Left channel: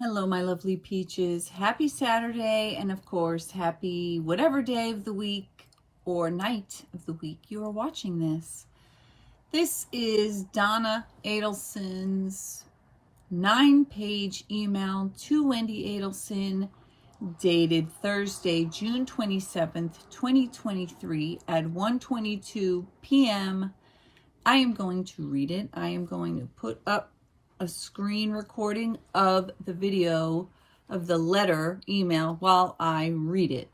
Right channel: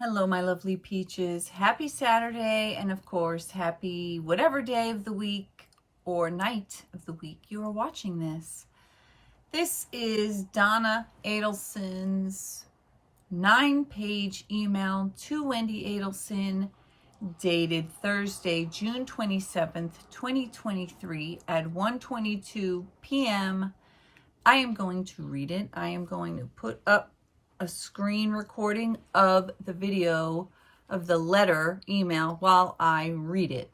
Hello, my lovely peaches. Happy Saturday, and of course, happy whatever day of the week or night of the week you are watching this. This is Donna Adelson's 9-page email to Wendy Adelson, dated Thursday, June 27th, 2023 at 1:22 p.m. I am going to read it. I am going to put up a screen recording of the video of the letter email while I read it.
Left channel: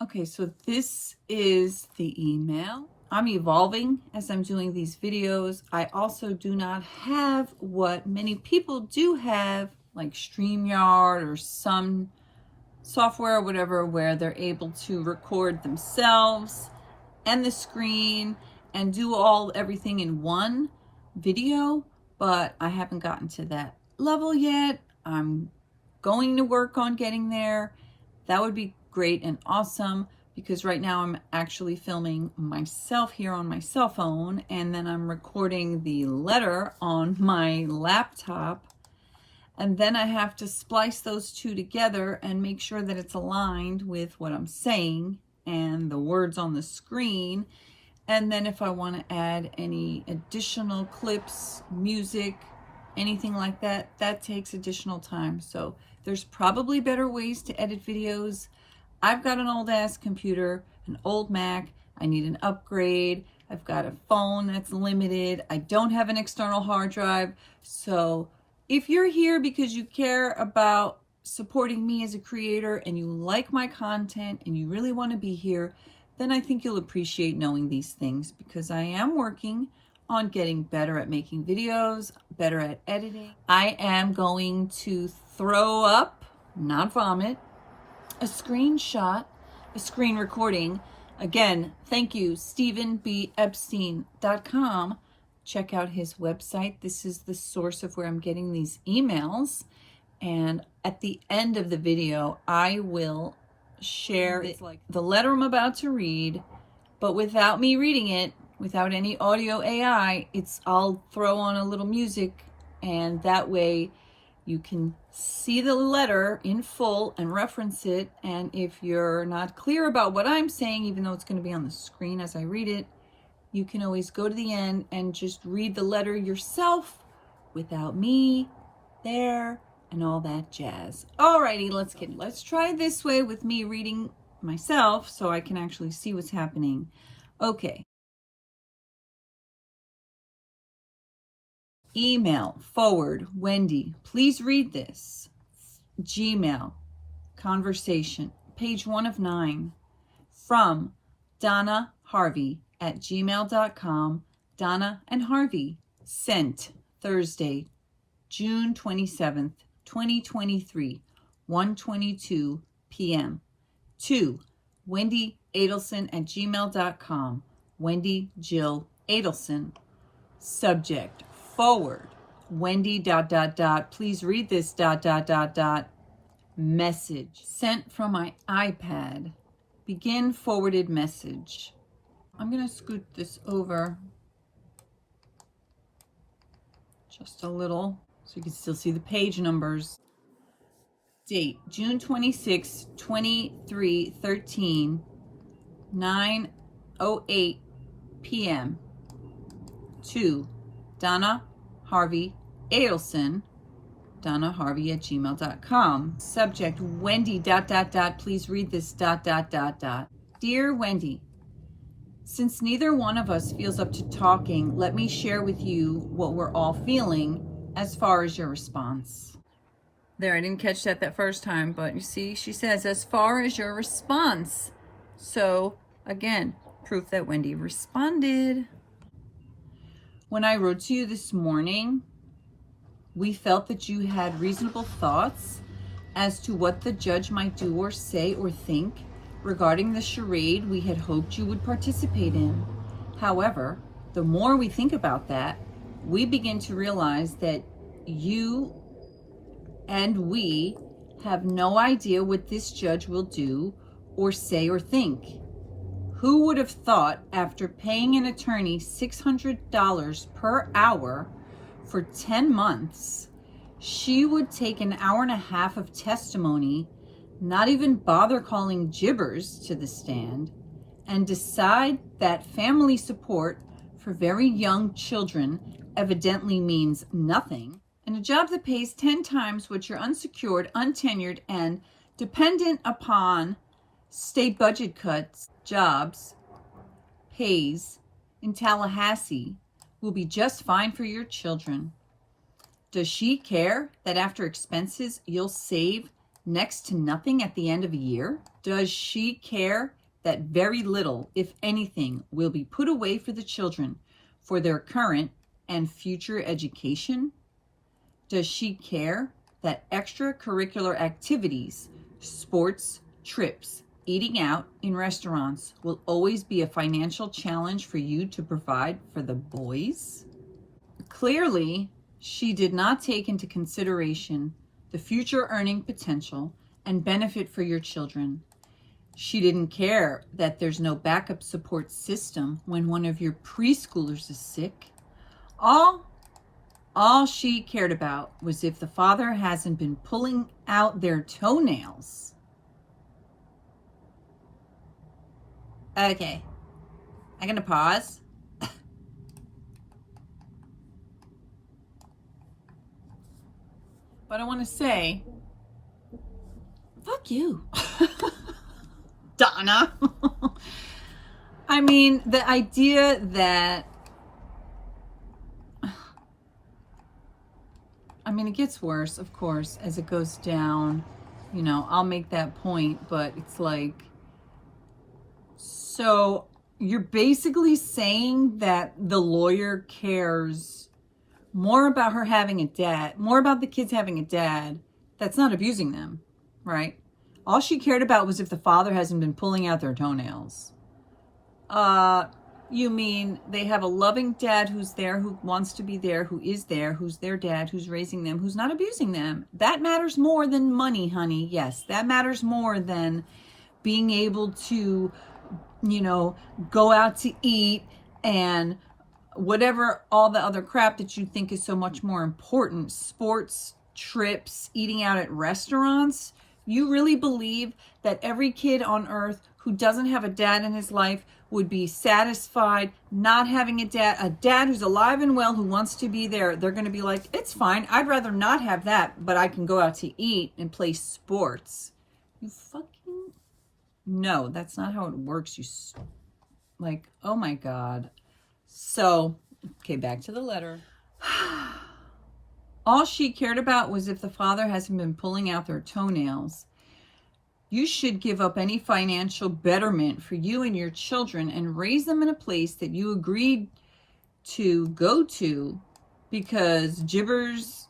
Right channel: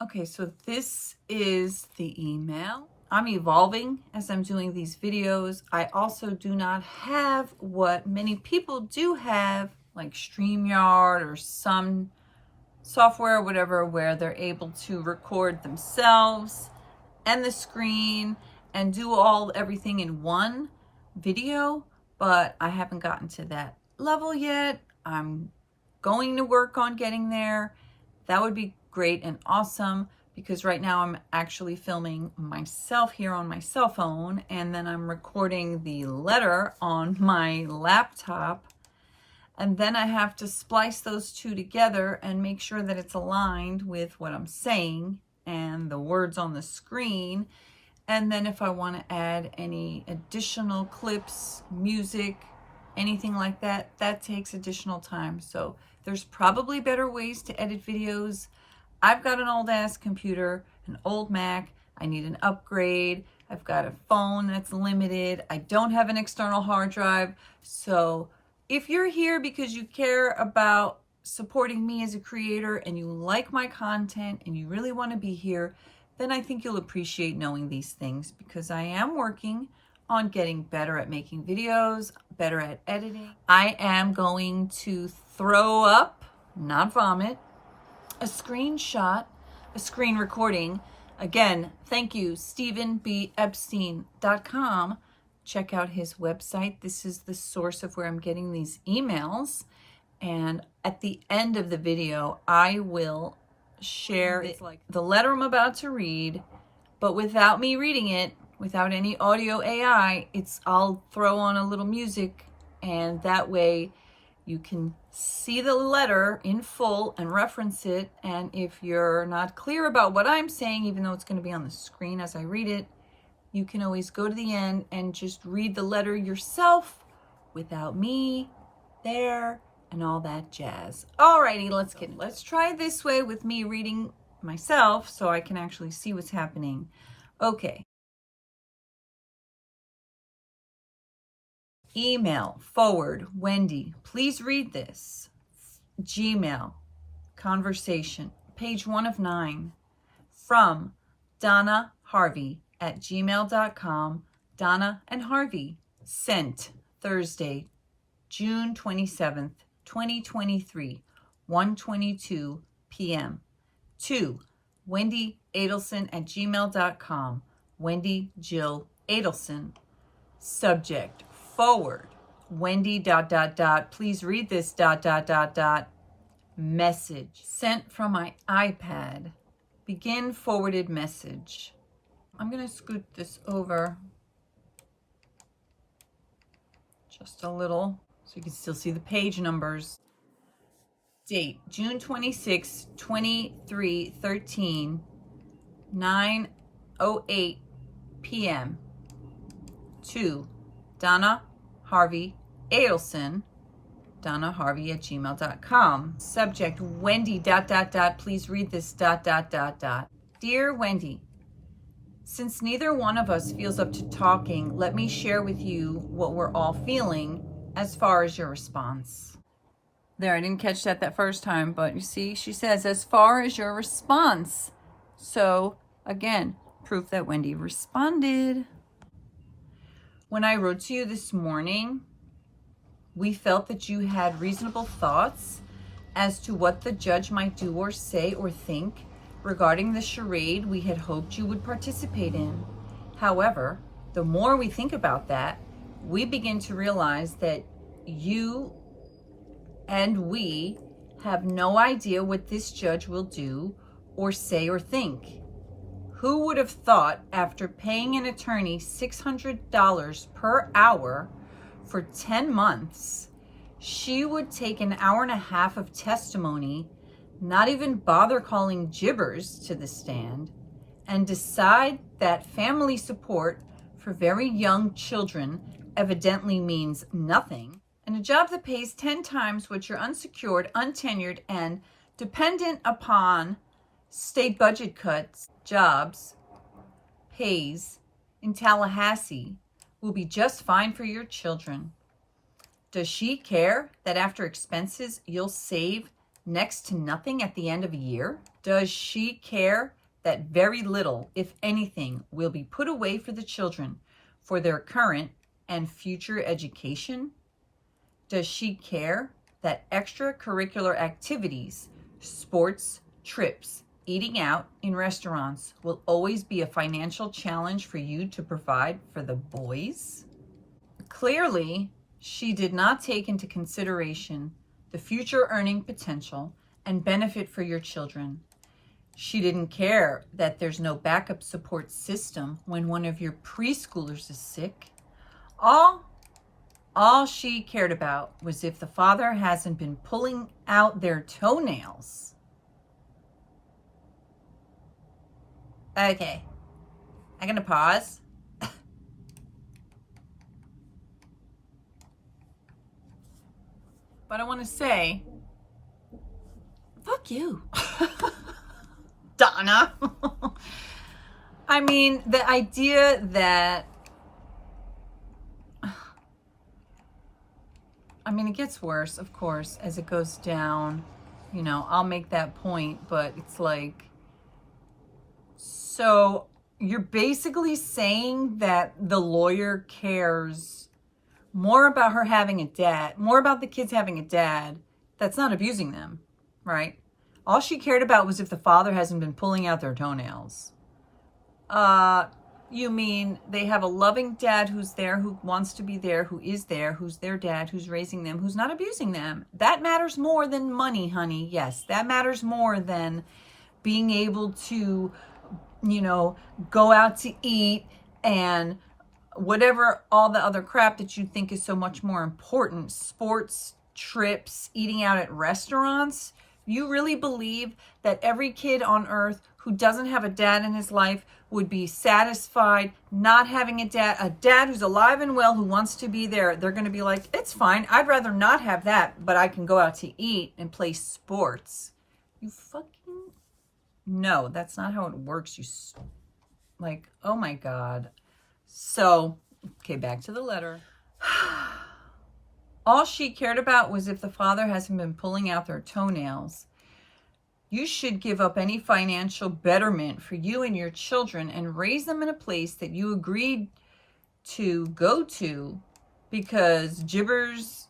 Okay, so this is the email. I'm evolving as I'm doing these videos. I also do not have what many people do have, like StreamYard or some software or whatever, where they're able to record themselves and the screen and do everything in one video, but I haven't gotten to that level yet. I'm going to work on getting there. That would be great and awesome, because right now I'm actually filming myself here on my cell phone, and then I'm recording the letter on my laptop, and then I have to splice those two together and make sure that it's aligned with what I'm saying and the words on the screen. And then if I want to add any additional clips, music, anything like that, that takes additional time. So there's probably better ways to edit videos. I've got an old ass computer, an old Mac. I need an upgrade. I've got a phone that's limited. I don't have an external hard drive. So if you're here because you care about supporting me as a creator and you like my content and you really want to be here, then I think you'll appreciate knowing these things, because I am working on getting better at making videos, better at editing. I am going to throw up, not vomit, a screenshot, a screen recording. Again, thank you, StephenBEpstein.com. Check out his website. This is the source of where I'm getting these emails. And at the end of the video, I will share the letter I'm about to read, but without me reading it, without any audio AI. I'll throw on a little music, and that way you can see the letter in full and reference it. And if you're not clear about what I'm saying, even though it's going to be on the screen as I read it, you can always go to the end and just read the letter yourself without me there and all that jazz. Alrighty, let's try this way with me reading myself so I can actually see what's happening. Okay. Email, forward, Wendy, please read this. Gmail, conversation, page 1 of 9. From Donna Harvey at gmail.com. Donna and Harvey. Sent Thursday, June 27th, 2023, 1:22 p.m. to Wendy Adelson at gmail.com. Wendy Jill Adelson. Subject, forward, Wendy ... Please read this ... Message sent from my iPad. Begin forwarded message. I'm going to scoot this over just a little so you can still see the page numbers. Date, June 26, 2313, 9:08 p.m. to Donna Harvey Adelson, Donna Harvey at gmail.com. Subject, Wendy ... Please read this ... Dear Wendy, since neither one of us feels up to talking, let me share with you what we're all feeling as far as your response. There, I didn't catch that first time, but you see, she says, as far as your response. So, again, proof that Wendy responded. When I wrote to you this morning, we felt that you had reasonable thoughts as to what the judge might do or say or think regarding the charade we had hoped you would participate in. However, the more we think about that, we begin to realize that you and we have no idea what this judge will do or say or think. Who would have thought, after paying an attorney $600 per hour for 10 months, she would take an hour and a half of testimony, not even bother calling jibbers to the stand, and decide that family support for very young children evidently means nothing, and a job that pays 10 times what your unsecured, untenured, and dependent upon state budget cuts jobs pays in Tallahassee will be just fine for your children. Does she care that after expenses you'll save next to nothing at the end of a year? Does she care that very little, if anything, will be put away for the children for their current and future education? Does she care that extracurricular activities, sports, trips, eating out in restaurants will always be a financial challenge for you to provide for the boys? Clearly, she did not take into consideration the future earning potential and benefit for your children. She didn't care that there's no backup support system when one of your preschoolers is sick. All she cared about was if the father hasn't been pulling out their toenails. Okay, I'm gonna pause. But I want to say, fuck you, Donna. I mean, the idea that, I mean, it gets worse, of course, as it goes down. You know, I'll make that point, but it's like, so you're basically saying that the lawyer cares more about her having a dad, more about the kids having a dad that's not abusing them, right? All she cared about was if the father hasn't been pulling out their toenails. You mean they have a loving dad who's there, who wants to be there, who is there, who's their dad, who's raising them, who's not abusing them. That matters more than money, honey. Yes, that matters more than being able to, you know, go out to eat and whatever, all the other crap that you think is so much more important, sports, trips, eating out at restaurants. You really believe that every kid on earth who doesn't have a dad in his life would be satisfied not having a dad who's alive and well, who wants to be there? They're going to be like, it's fine. I'd rather not have that, but I can go out to eat and play sports. You fucking... No, that's not how it works. Like, oh my God. So, okay, back to the letter. All she cared about was if the father hasn't been pulling out their toenails. You should give up any financial betterment for you and your children and raise them in a place that you agreed to go to because Jibbers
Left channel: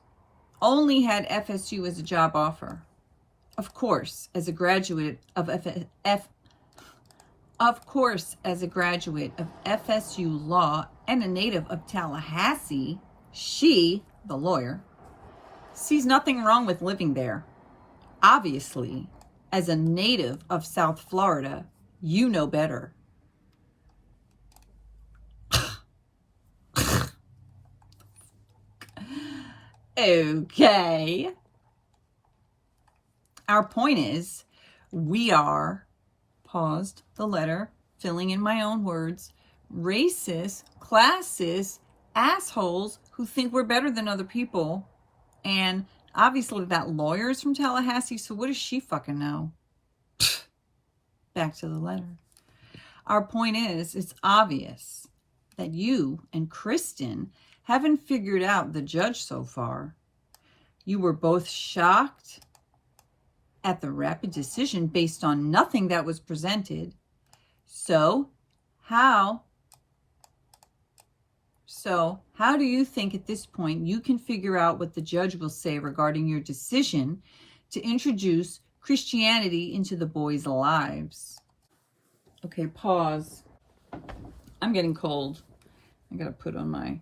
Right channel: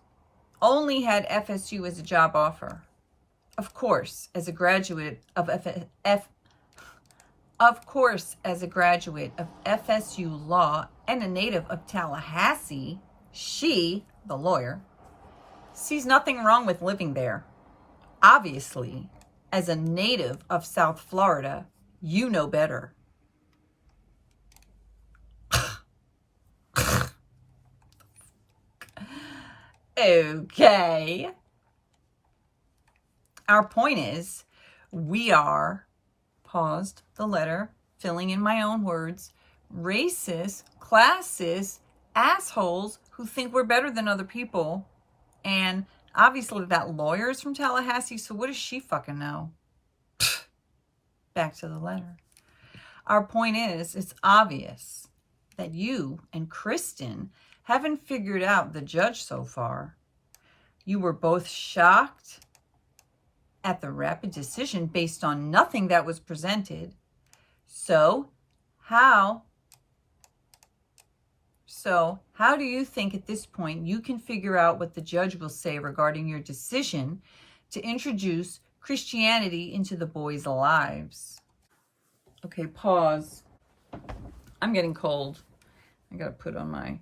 only had FSU as a job offer. Of course, as a graduate of FSU law and a native of Tallahassee, she, the lawyer, sees nothing wrong with living there. Obviously, as a native of South Florida, you know better. Okay. Our point is, we are, paused the letter, filling in my own words, racist, classist, assholes who think we're better than other people. And obviously that lawyer is from Tallahassee, so what does she fucking know? Back to the letter. Our point is, it's obvious that you and Kristen haven't figured out the judge so far. You were both shocked at the rapid decision based on nothing that was presented. So how do you think at this point you can figure out what the judge will say regarding your decision to introduce Christianity into the boys' lives? Okay, pause. I'm getting cold. I gotta put on my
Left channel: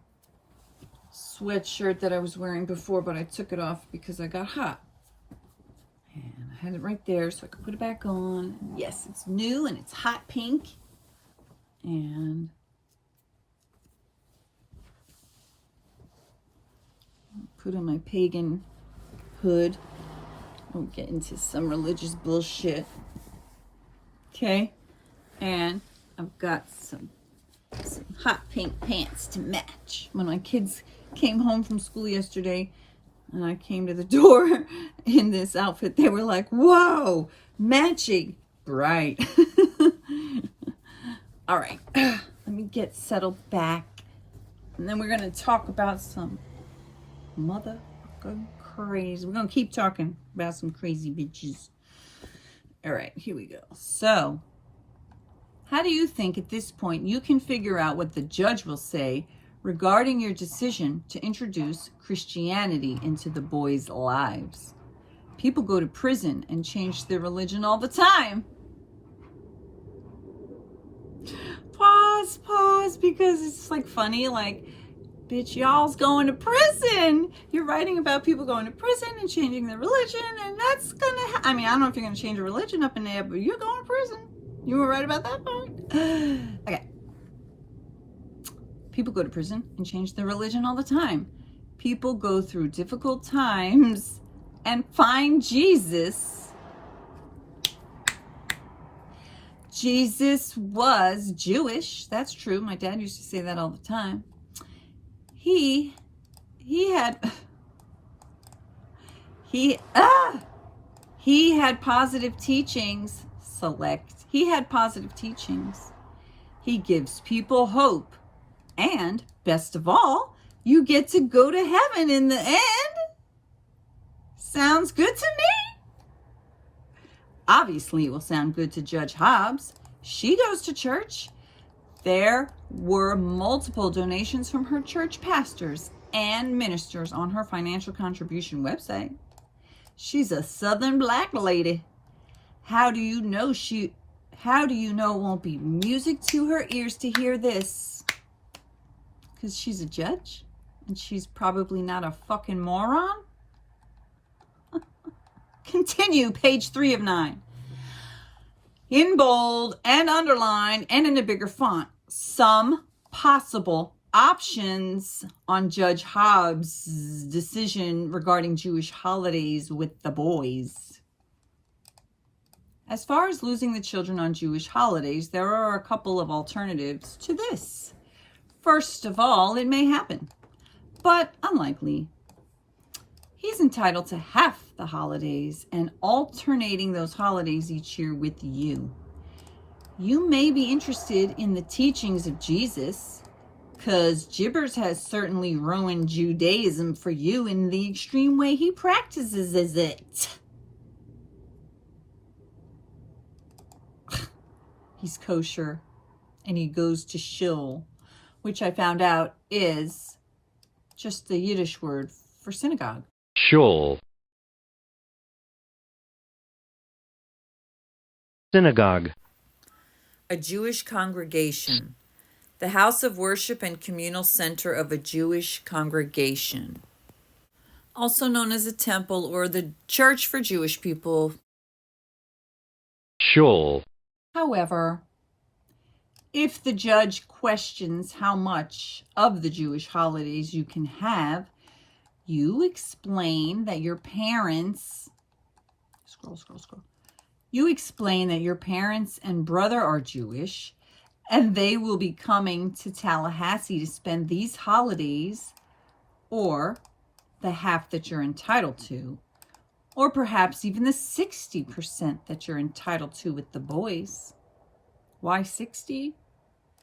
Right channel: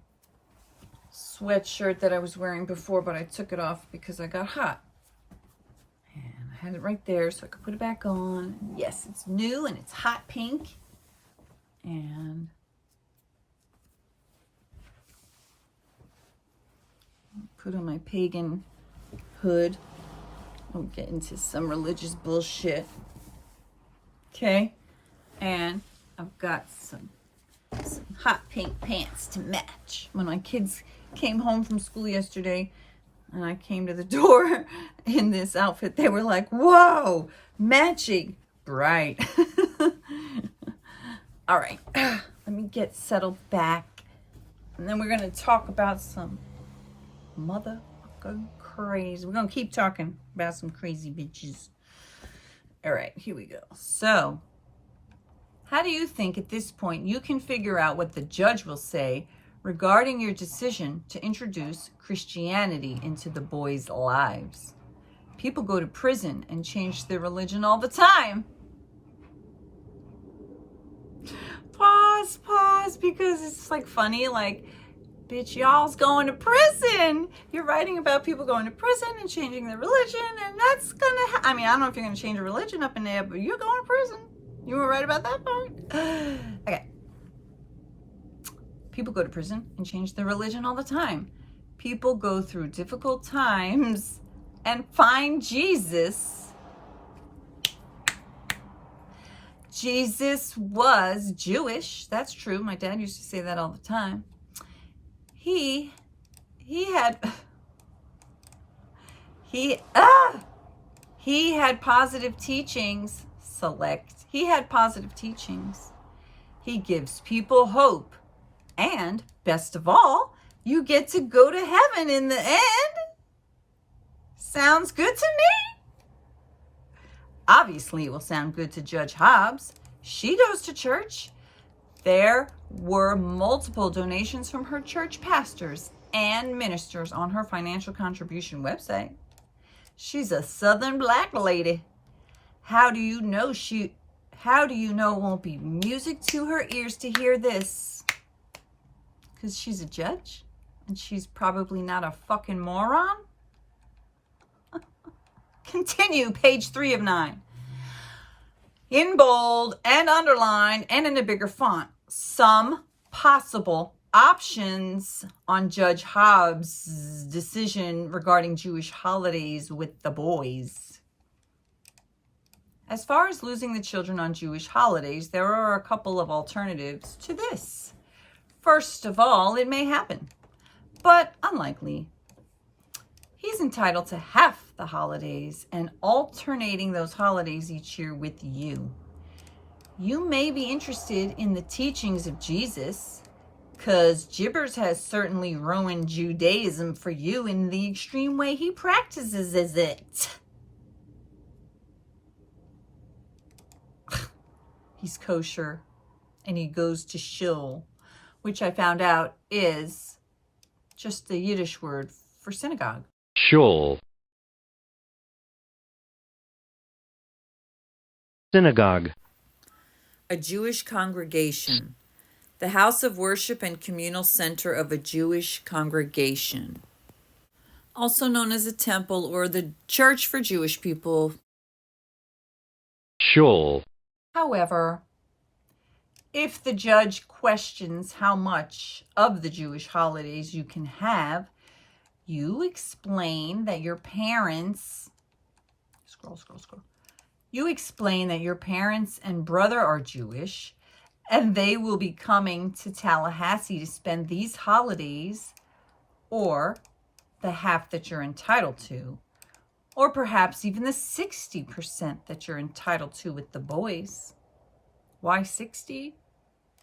sweatshirt that I was wearing before, but I took it off because I got hot. And I had it right there so I could put it back on. Yes, it's new and it's hot pink. And put on my pagan hood. We'll get into some religious bullshit. Okay? And I've got some hot pink pants to match. When my kids came home from school yesterday and I came to the door in this outfit, they were like, whoa, matching. Bright. All right. Let me get settled back. And then we're going to talk about some motherfucking crazy. We're going to keep talking about some crazy bitches. All right, here we go. So, how do you think at this point you can figure out what the judge will say regarding your decision to introduce Christianity into the boys' lives? People go to prison and change their religion all the time. Pause, because it's like funny, like, bitch, y'all's going to prison. You're writing about people going to prison and changing their religion, and that's gonna I mean, I don't know if you're gonna change a religion up in there, but you're going to prison. You were right about that part? Okay. People go to prison and change their religion all the time. People go through difficult times and find Jesus. Jesus was Jewish. That's true. My dad used to say that all the time. He had positive teachings. He had positive teachings. He gives people hope. And best of all, you get to go to heaven in the end. Sounds good to me. Obviously, it will sound good to Judge Hobbs. She goes to church. There were multiple donations from her church pastors and ministers on her financial contribution website. She's a Southern black lady. How do you know it won't be music to her ears to hear this? Because she's a judge and she's probably not a fucking moron. Continue, page 3 of 9. In bold and underline and in a bigger font, some possible options on Judge Hobbs' decision regarding Jewish holidays with the boys. As far as losing the children on Jewish holidays, there are a couple of alternatives to this. First of all, it may happen, but unlikely. He's entitled to half the holidays and alternating those holidays each year with you. You may be interested in the teachings of Jesus, because Jibbers has certainly ruined Judaism for you in the extreme way he practices it. He's kosher and he goes to shul, which I found out is just the Yiddish word for synagogue. Shul. Synagogue. A Jewish congregation. The house of worship and communal center of a Jewish congregation. Also known as a temple or the church for Jewish people. Shul. However, if the judge questions how much of the Jewish holidays you can have, you explain that your parents, You explain that your parents and brother are Jewish, and they will be coming to Tallahassee to spend these holidays, or the half that you're entitled to, or perhaps even the 60% that you're entitled to with the boys. Why 60?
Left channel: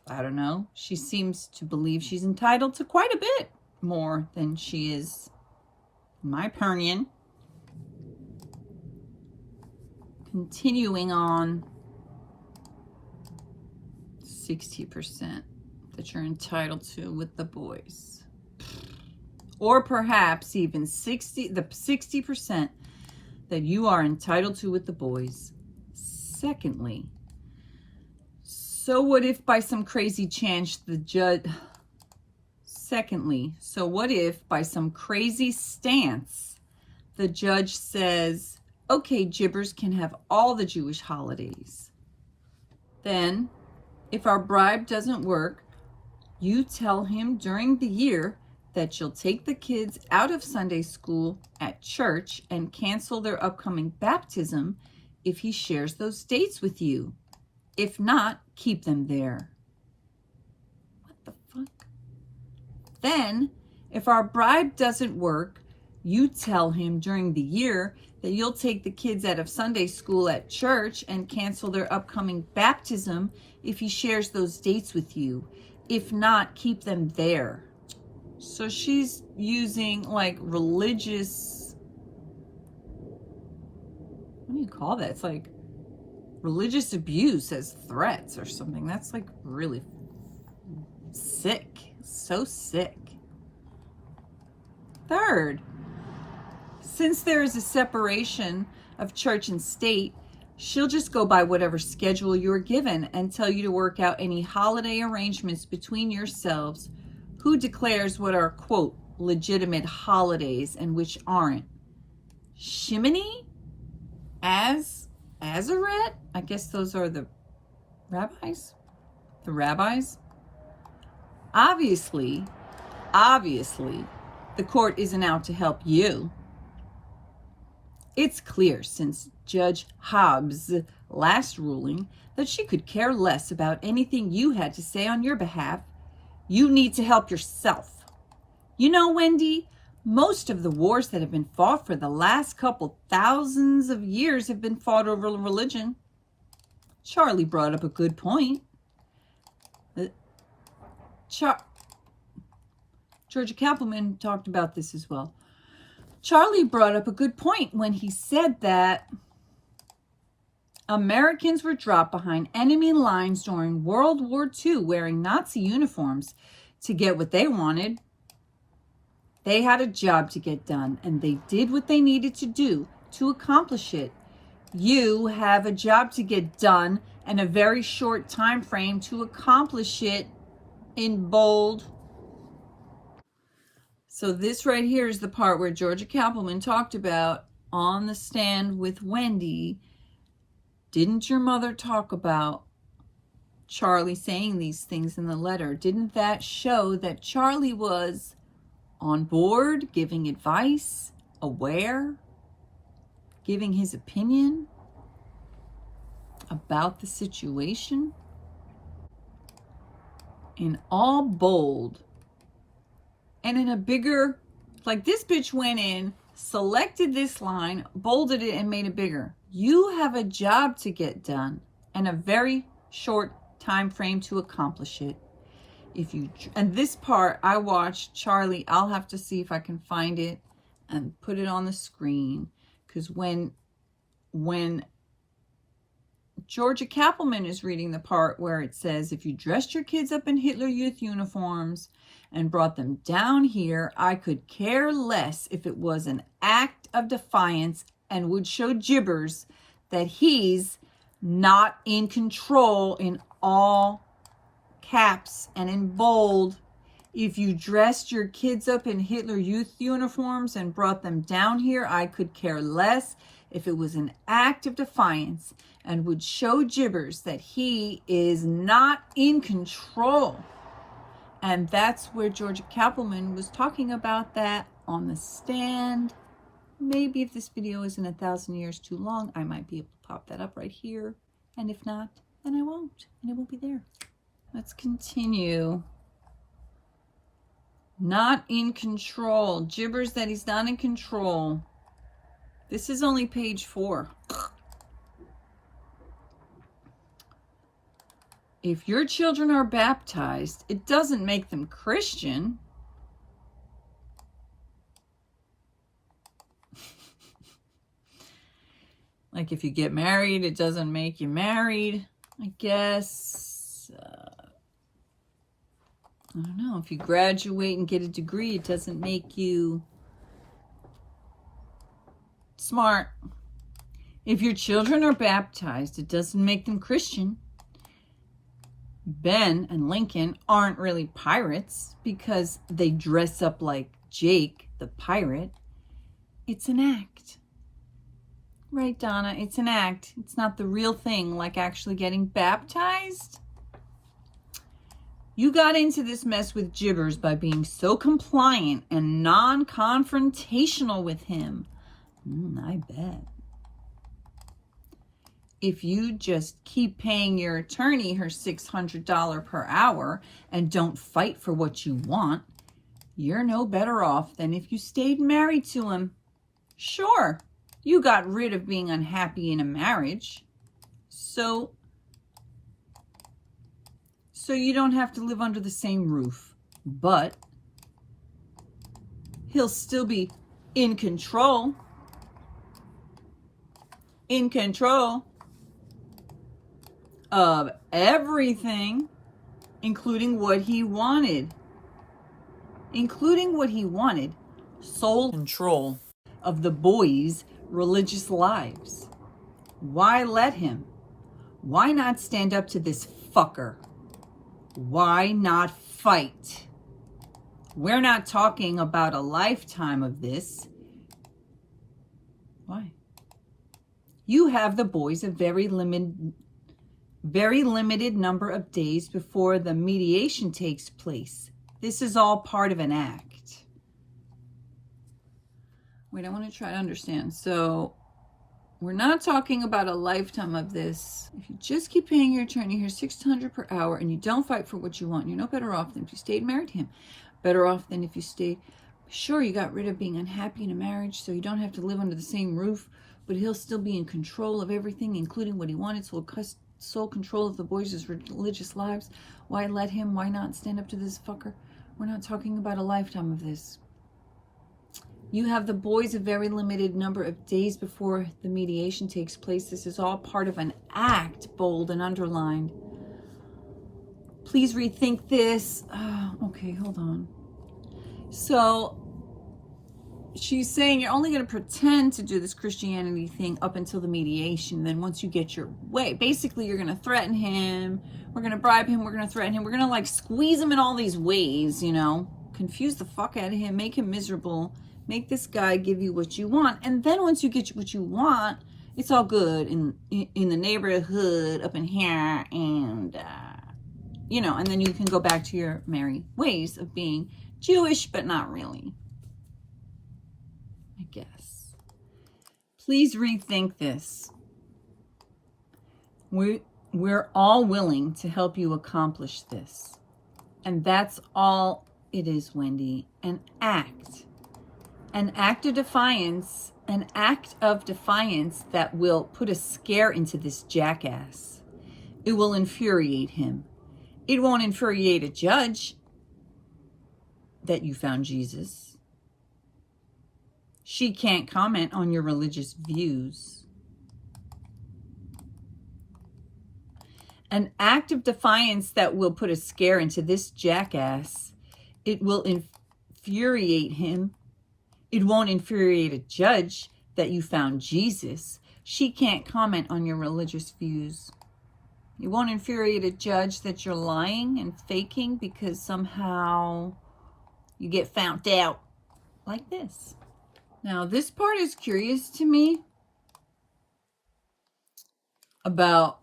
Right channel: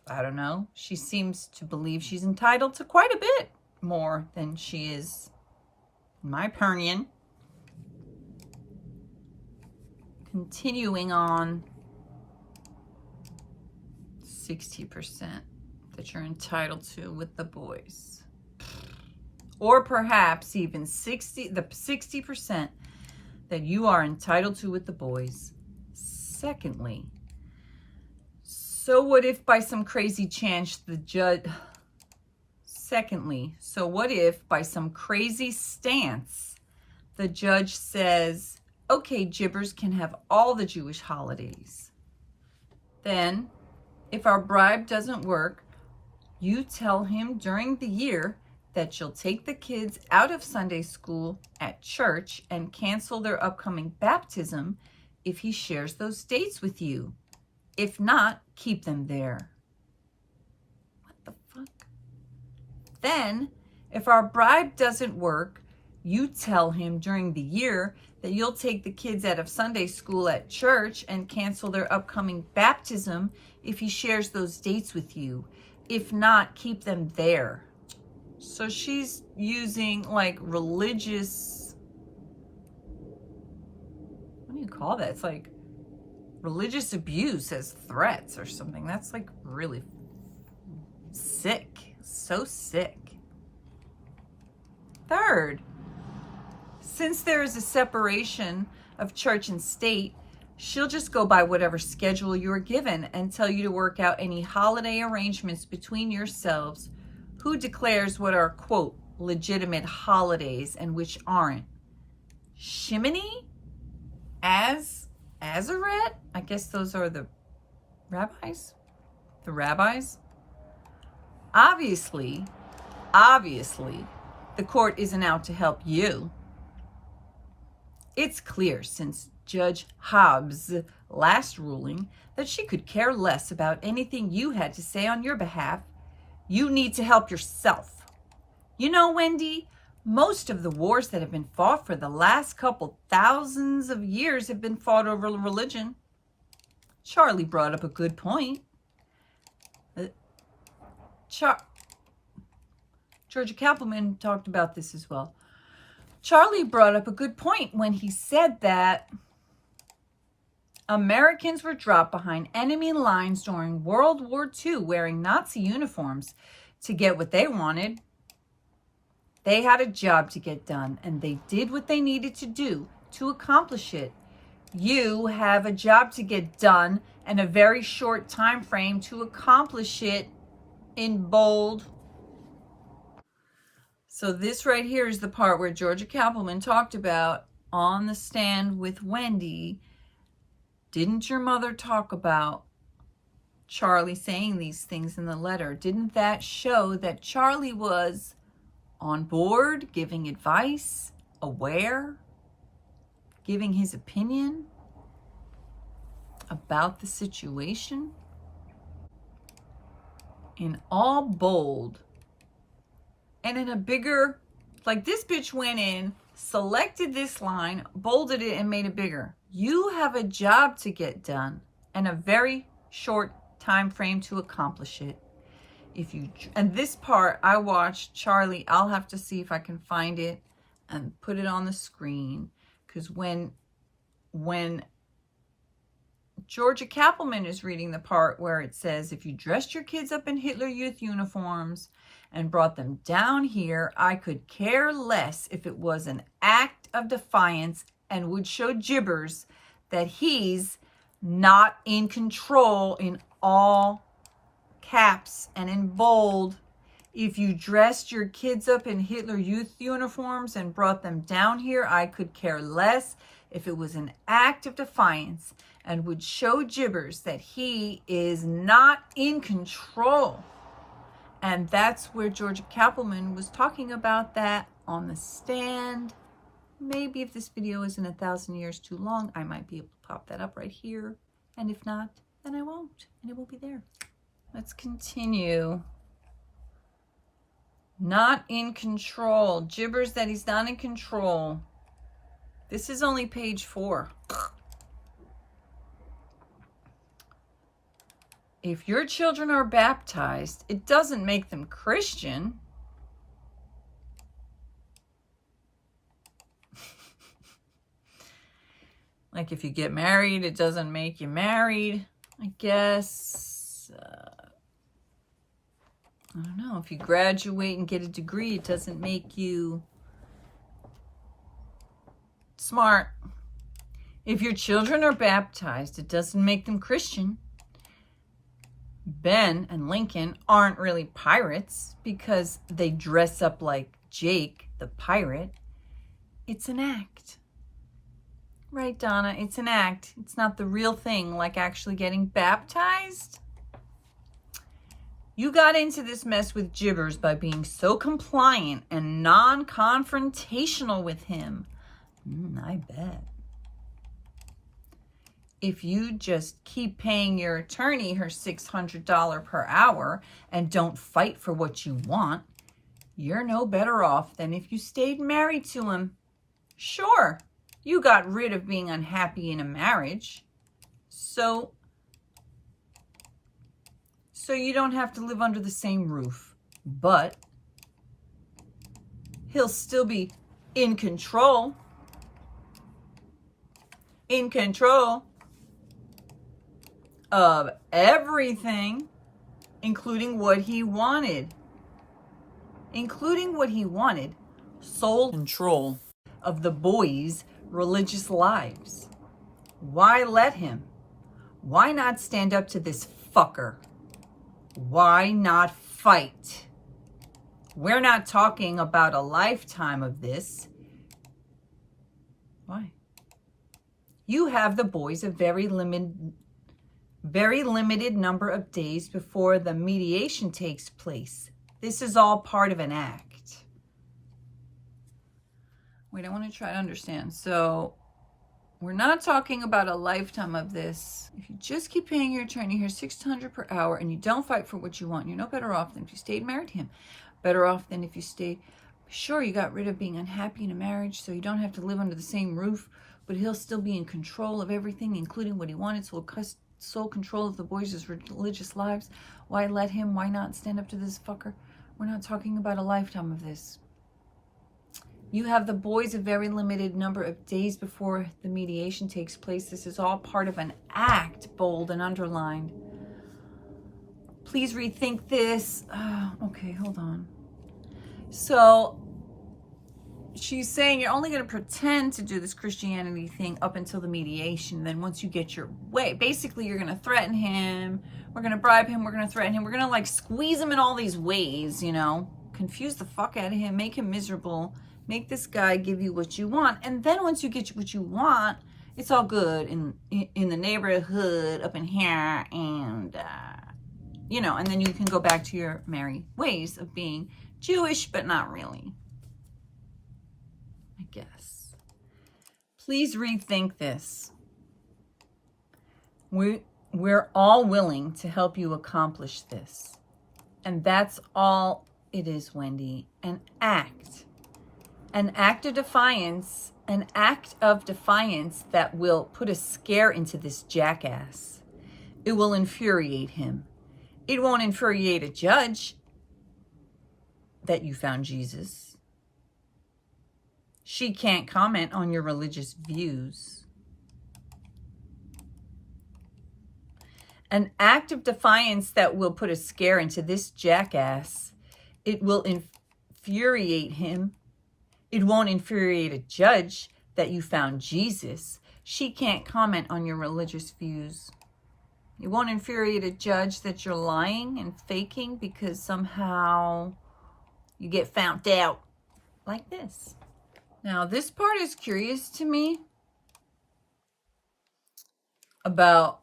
I don't know. She seems to believe she's entitled to quite a bit more than she is, in my opinion. Continuing on, 60% that you're entitled to with the boys. Or perhaps even 60% that you are entitled to with the boys. Secondly, so what if by some crazy chance the judge... Secondly, so what if by some crazy stance the judge says, okay, Jibbers can have all the Jewish holidays. Then, if our bribe doesn't work, you tell him during the year that you'll take the kids out of Sunday school at church and cancel their upcoming baptism if he shares those dates with you. If not, keep them there. What the fuck? Then, if our bribe doesn't work, you tell him during the year that you'll take the kids out of Sunday school at church and cancel their upcoming baptism if he shares those dates with you. If not, keep them there. So she's using like religious, what do you call that? It's like religious abuse as threats or something. That's like really sick. So sick. Third, since there is a separation of church and state, she'll just go by whatever schedule you are given and tell you to work out any holiday arrangements between yourselves. Who declares what are, quote, legitimate holidays and which aren't? Shimony? Azaret? I guess those are the rabbis? The rabbis? Obviously, the court isn't out to help you. It's clear since Judge Hobbs' last ruling that she could care less about anything you had to say on your behalf. You need to help yourself. You know, Wendy, most of the wars that have been fought for the last couple thousands of years have been fought over religion. Charlie brought up a good point. Georgia Kappelman talked about this as well. Charlie brought up a good point when he said that Americans were dropped behind enemy lines during World War II wearing Nazi uniforms to get what they wanted. They had a job to get done, and they did what they needed to do to accomplish it. You have a job to get done and a very short time frame to accomplish it, in bold. So this right here is the part where Georgia Kappelman talked about on the stand with Wendy. Didn't your mother talk about Charlie saying these things in the letter? Didn't that show that Charlie was on board, giving advice, aware, giving his opinion about the situation? In all bold. And in a bigger, like this bitch went in, selected this line, bolded it, and made it bigger. You have a job to get done and a very short time frame to accomplish it. And this part I watched Charlie, I'll have to see if I can find it and put it on the screen, because when Georgia Kappelman is reading the part where it says, if you dressed your kids up in Hitler Youth uniforms and brought them down here, I could care less if it was an act of defiance and would show jibbers that he's not in control, in all caps and in bold. If you dressed your kids up in Hitler Youth uniforms and brought them down here, I could care less if it was an act of defiance and would show jibbers that he is not in control. And that's where Georgia Kappelman was talking about that on the stand. Maybe if this video isn't 1,000 years too long, I might be able to pop that up right here. And if not, then I won't, and it will be there. Let's continue. Not in control. Jibbers that he's not in control. This is only page 4. If your children are baptized, it doesn't make them Christian. Like if you get married, it doesn't make you married, I guess. I don't know. If you graduate and get a degree, it doesn't make you smart. If your children are baptized, it doesn't make them Christian. Ben and Lincoln aren't really pirates because they dress up like Jake the pirate. It's an act. Right, Donna? It's an act. It's not the real thing, like actually getting baptized. You got into this mess with Jibbers by being so compliant and non-confrontational with him. I bet. If you just keep paying your attorney her $600 per hour and don't fight for what you want, you're no better off than if you stayed married to him. Sure, you got rid of being unhappy in a marriage, so you don't have to live under the same roof, but he'll still be in control of everything, including what he wanted. Sole control of the boys' religious lives. Why let him? Why not stand up to this fucker? Why not fight? We're not talking about a lifetime of this. Why? You have the boys a very limited number of days before the mediation takes place. This is all part of an act. Wait, I want to try to understand. So we're not talking about a lifetime of this. If you just keep paying your attorney here $600 per hour and you don't fight for what you want, you're no better off than if you stayed married to him. Better off than if you stayed. Sure, you got rid of being unhappy in a marriage, so you don't have to live under the same roof, but he'll still be in control of everything, including what he wanted, sole control of the boys' religious lives. Why let him? Why not stand up to this fucker? We're not talking about a lifetime of this. You have the boys a very limited number of days before the mediation takes place. This is all part of an act, bold and underlined. Please rethink this. Okay, hold on. So she's saying you're only going to pretend to do this Christianity thing up until the mediation. Then once you get your way, basically you're going to threaten him. We're going to bribe him. We're going to threaten him. We're going to like squeeze him in all these ways, you know, confuse the fuck out of him, make him miserable, make this guy give you what you want. And then once you get what you want, it's all good in the neighborhood up in here. And, you know, and then you can go back to your merry ways of being Jewish, but not really. I guess. Please rethink this. We're all willing to help you accomplish this. And that's all it is, Wendy. An act. An act of defiance. An act of defiance that will put a scare into this jackass. It will infuriate him. It won't infuriate a judge that you found Jesus. She can't comment on your religious views. An act of defiance that will put a scare into this jackass. It will infuriate him. It won't infuriate a judge that you found Jesus. She can't comment on your religious views. It won't infuriate a judge that you're lying and faking because somehow you get found out like this. Now, this part is curious to me about,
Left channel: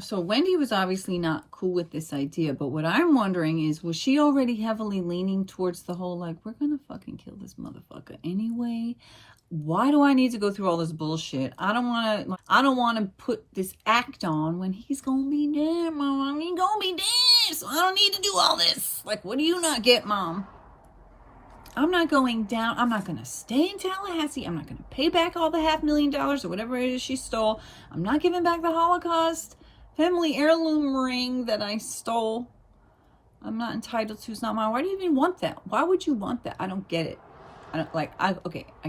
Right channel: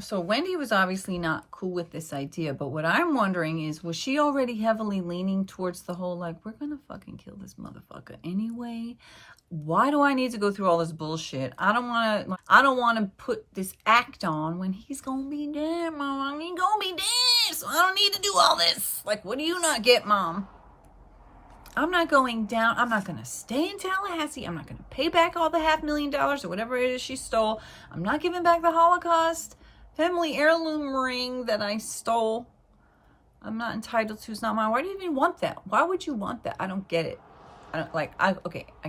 so Wendy was obviously not cool with this idea, but what I'm wondering is, was she already heavily leaning towards the whole, like, we're going to fucking kill this motherfucker anyway? Why do I need to go through all this bullshit? I don't want to put this act on when he's going to be dead, Mom. He's going to be dead, so I don't need to do all this. Like, what do you not get, Mom? I'm not going down. I'm not going to stay in Tallahassee. I'm not going to pay back all the $500,000 or whatever it is she stole. I'm not giving back the Holocaust family heirloom ring that I stole. I'm not entitled to. It's not mine. Why do you even want that? Why would you want that? I don't get it. I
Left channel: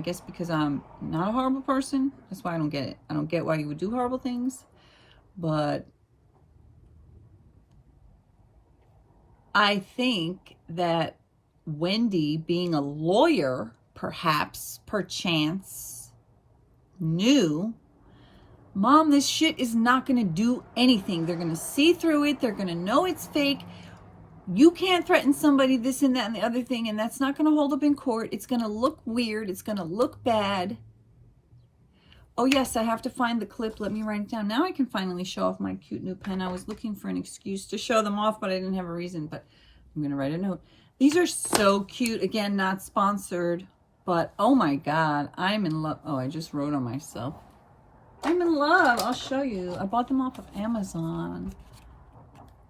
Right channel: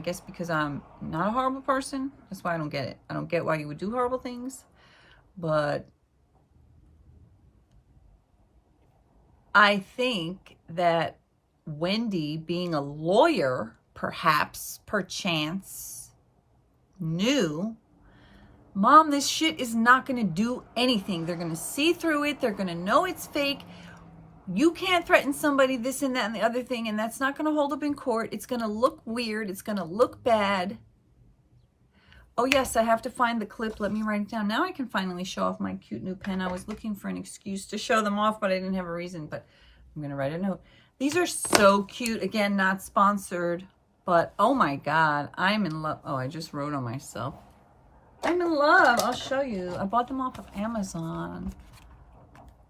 guess because I'm not a horrible person. That's why I don't get it. I don't get why you would do horrible things. But I think that Wendy, being a lawyer, perchance, knew, Mom, this shit is not going to do anything. They're going to see through it. They're going to know it's fake. You can't threaten somebody, this and that and the other thing, and that's not going to hold up in court. It's going to look weird. It's going to look bad. Oh yes, I have to find the clip. Let me write it down. Now I can finally show off my cute new pen. I was looking for an excuse to show them off, but I didn't have a reason. But I'm going to write a note. These are so cute. Again, not sponsored, but oh my God, I'm in love. Oh, I just wrote on myself. I'm in love. I'll show you. I bought them off of Amazon.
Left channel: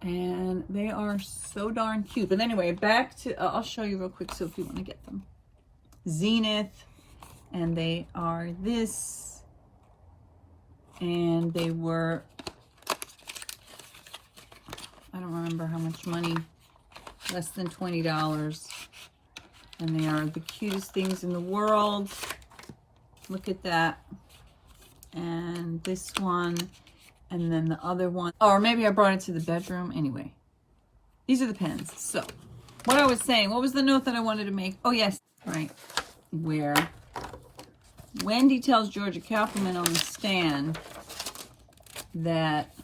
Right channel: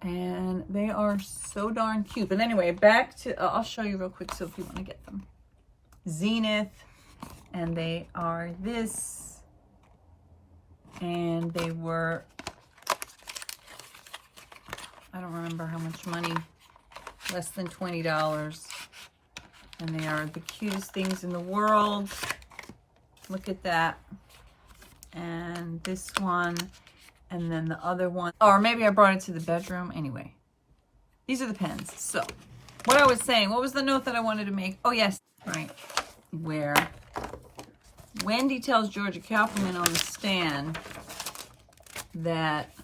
And they are so darn cute. But anyway, back to, I'll show you real quick so if you want to get them. Zenith. And they are this. And they were, I don't remember how much money. Less than $20. And they are the cutest things in the world. Look at that. And this one. And then the other one, or maybe I brought it to the bedroom. Anyway, these are the pens. So what I was saying, what was the note that I wanted to make? Oh yes, right. Where Wendy tells Georgia Kaufman on the stand that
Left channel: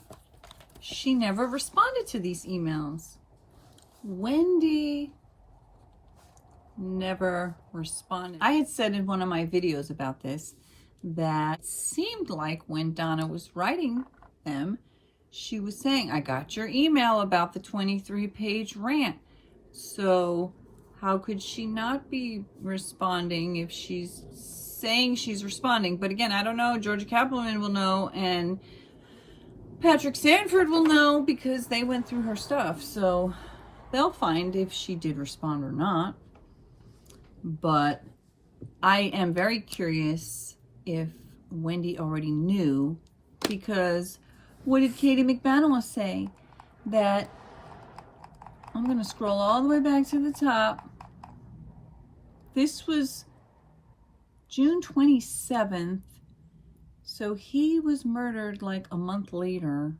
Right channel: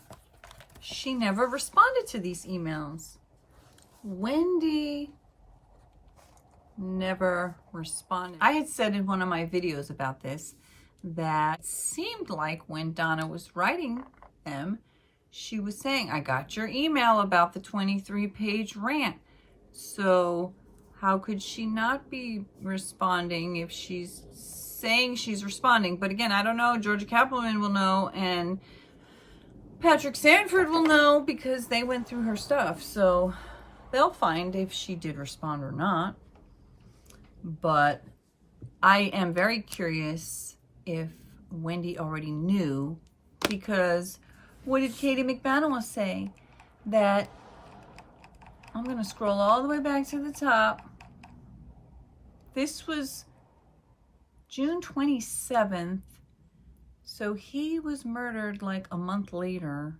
she never responded to these emails. Wendy never responded. I had said in one of my videos about this that it seemed like when Donna was writing them, she was saying, I got your email about the 23-page rant. So how could she not be responding if she's saying she's responding? But again, I don't know. Georgia Kaplan will know, and Patrick Sanford will know because they went through her stuff. So they'll find if she did respond or not. But I am very curious if Wendy already knew, because what did Katie McBanowa say? That, I'm going to scroll all the way back to the top. This was June 27th. So he was murdered like a month later.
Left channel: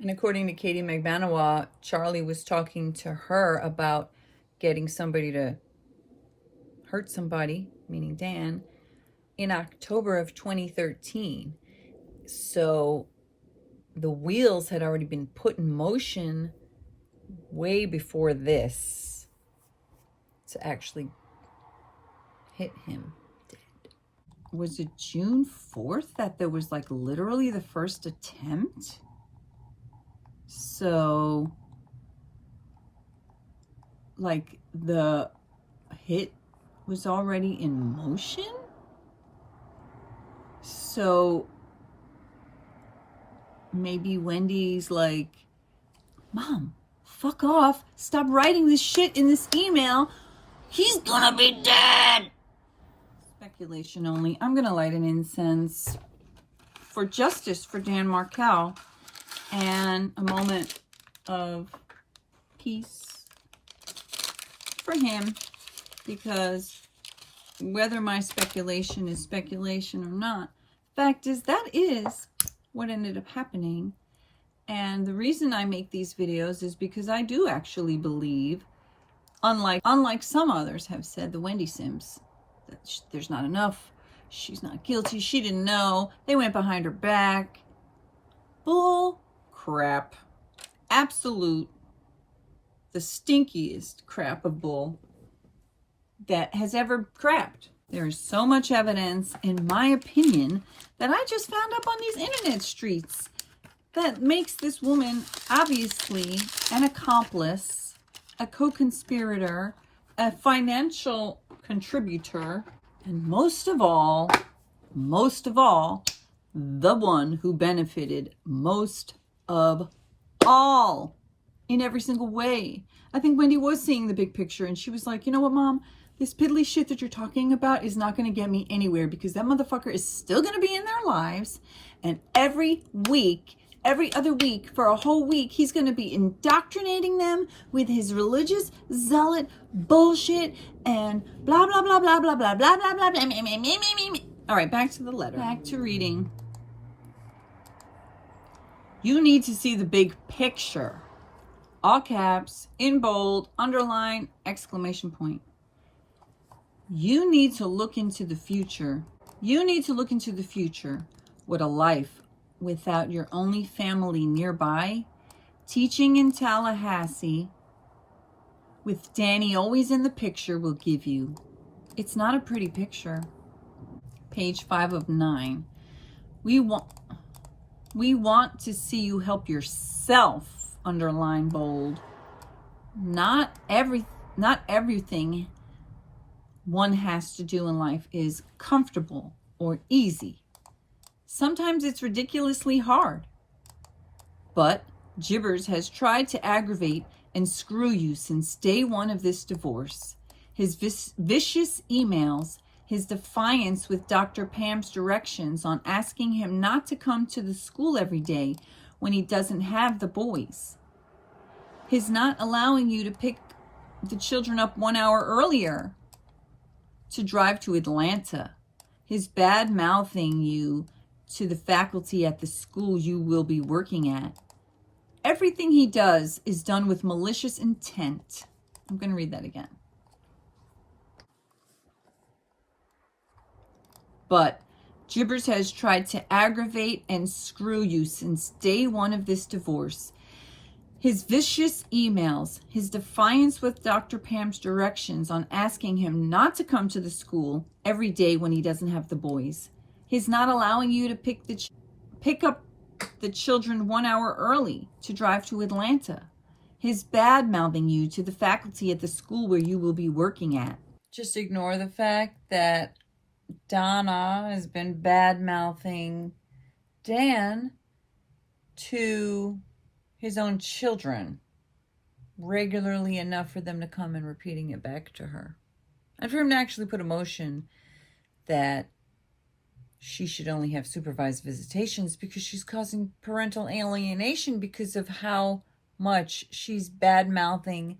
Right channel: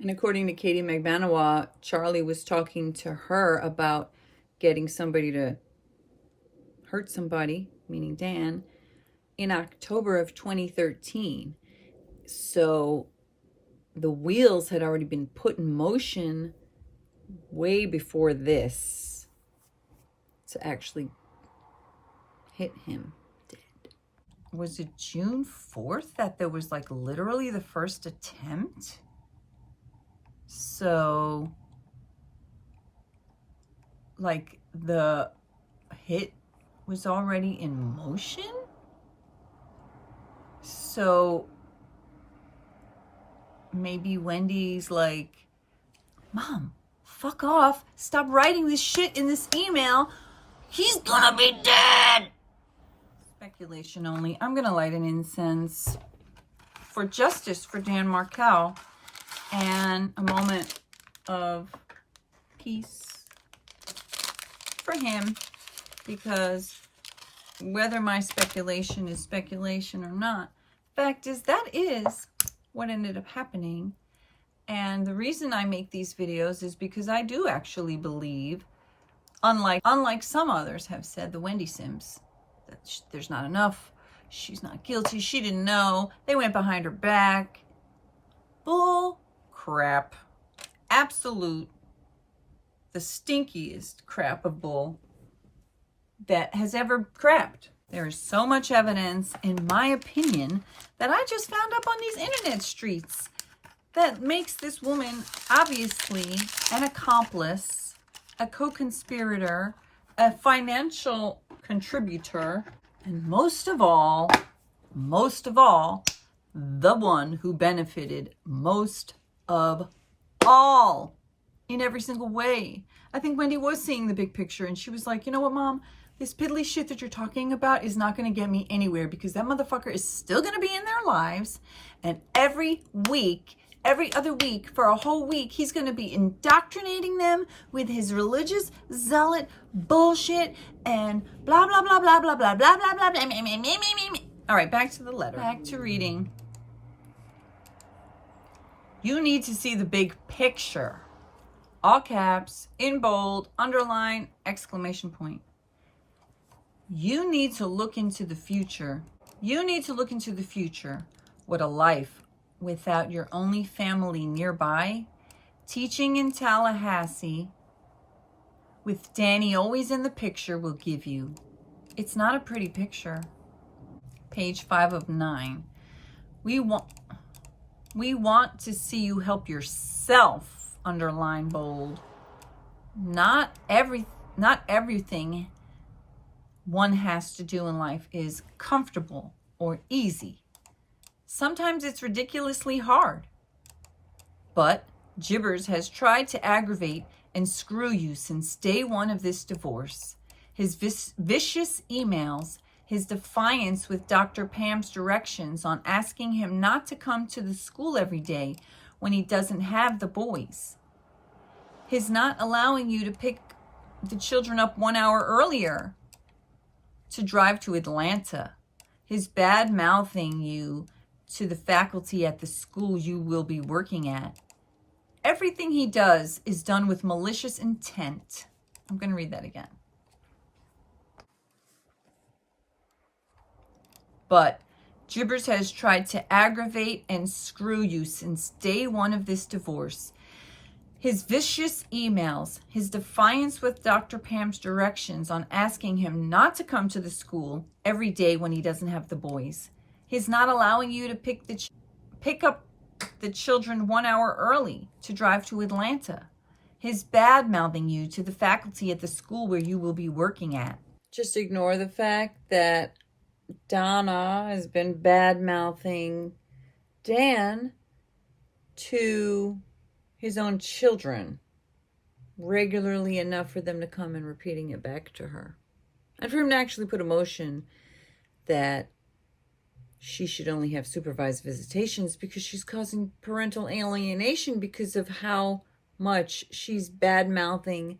And according to Katie McBanowa, Charlie was talking to her about getting somebody to hurt somebody, meaning Dan, in October of 2013. So the wheels had already been put in motion way before this to actually hit him dead. Was it June 4th that there was like literally the first attempt? So like the hit was already in motion? So maybe Wendy's like, Mom, fuck off. Stop writing this shit in this email. He's gonna be dead. Speculation only. I'm gonna light an incense for justice for Dan Markel and a moment of peace for him, because whether my speculation is speculation or not, fact is that is what ended up happening. And the reason I make these videos is because I do actually believe, unlike some others have said, the Wendy Sims, that there's not enough, she's not guilty, she didn't know, they went behind her back. Bull crap. Absolute, the stinkiest crap of bull that has ever crapped. There is so much evidence, in my opinion, that I just found up on these internet streets that makes this woman obviously an accomplice, a co-conspirator, a financial contributor, and most of all, the one who benefited most of all in every single way. I think Wendy was seeing the big picture, and she was like, you know what, Mom? This piddly shit that you're talking about is not going to get me anywhere, because that motherfucker is still going to be in their lives. And every week, every other week, for a whole week, he's going to be indoctrinating them with his religious zealot bullshit and blah, blah, blah, blah, blah, blah, blah, blah, blah, blah, me, me, me, me, me. All right, back to the letter. Back to reading. You need to see the big picture. All caps, in bold, underline, exclamation point. You need to look into the future. You need to look into the future. What a life without your only family nearby, teaching in Tallahassee, with Danny always in the picture, will give you. It's not a pretty picture. page 5 of 9. We want to see you help yourself, underline bold. Not everything one has to do in life is comfortable or easy. Sometimes it's ridiculously hard. But Jibbers has tried to aggravate and screw you since day one of this divorce. His vicious emails, his defiance with Dr. Pam's directions on asking him not to come to the school every day when he doesn't have the boys. His not allowing you to pick the children up 1 hour earlier to drive to Atlanta. His bad mouthing you to the faculty at the school you will be working at. Everything he does is done with malicious intent. I'm going to read that again. But Jibbers has tried to aggravate and screw you since day one of this divorce. His vicious emails, his defiance with Dr. Pam's directions on asking him not to come to the school every day when he doesn't have the boys. His not allowing you to pick up the children 1 hour early to drive to Atlanta. His bad mouthing you to the faculty at the school where you will be working at. Just ignore the fact that Donna has been bad mouthing Dan to his own children regularly enough for them to come and repeating it back to her. And for him to actually put a motion that she should only have supervised visitations because she's causing parental alienation because of how much she's bad-mouthing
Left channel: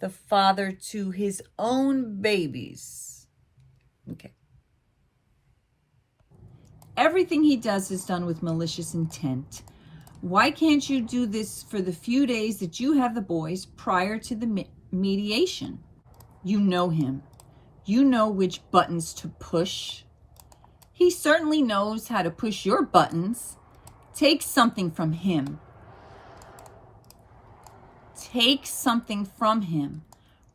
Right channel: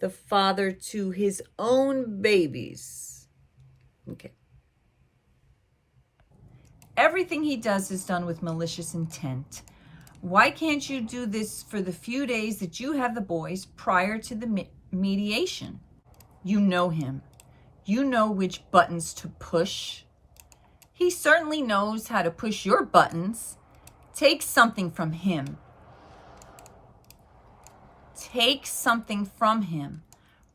the father to his own babies. Okay. Everything he does is done with malicious intent. Why can't you do this for the few days that you have the boys prior to the mediation? You know him. You know which buttons to push. He certainly knows how to push your buttons. Take something from him. Take something from him.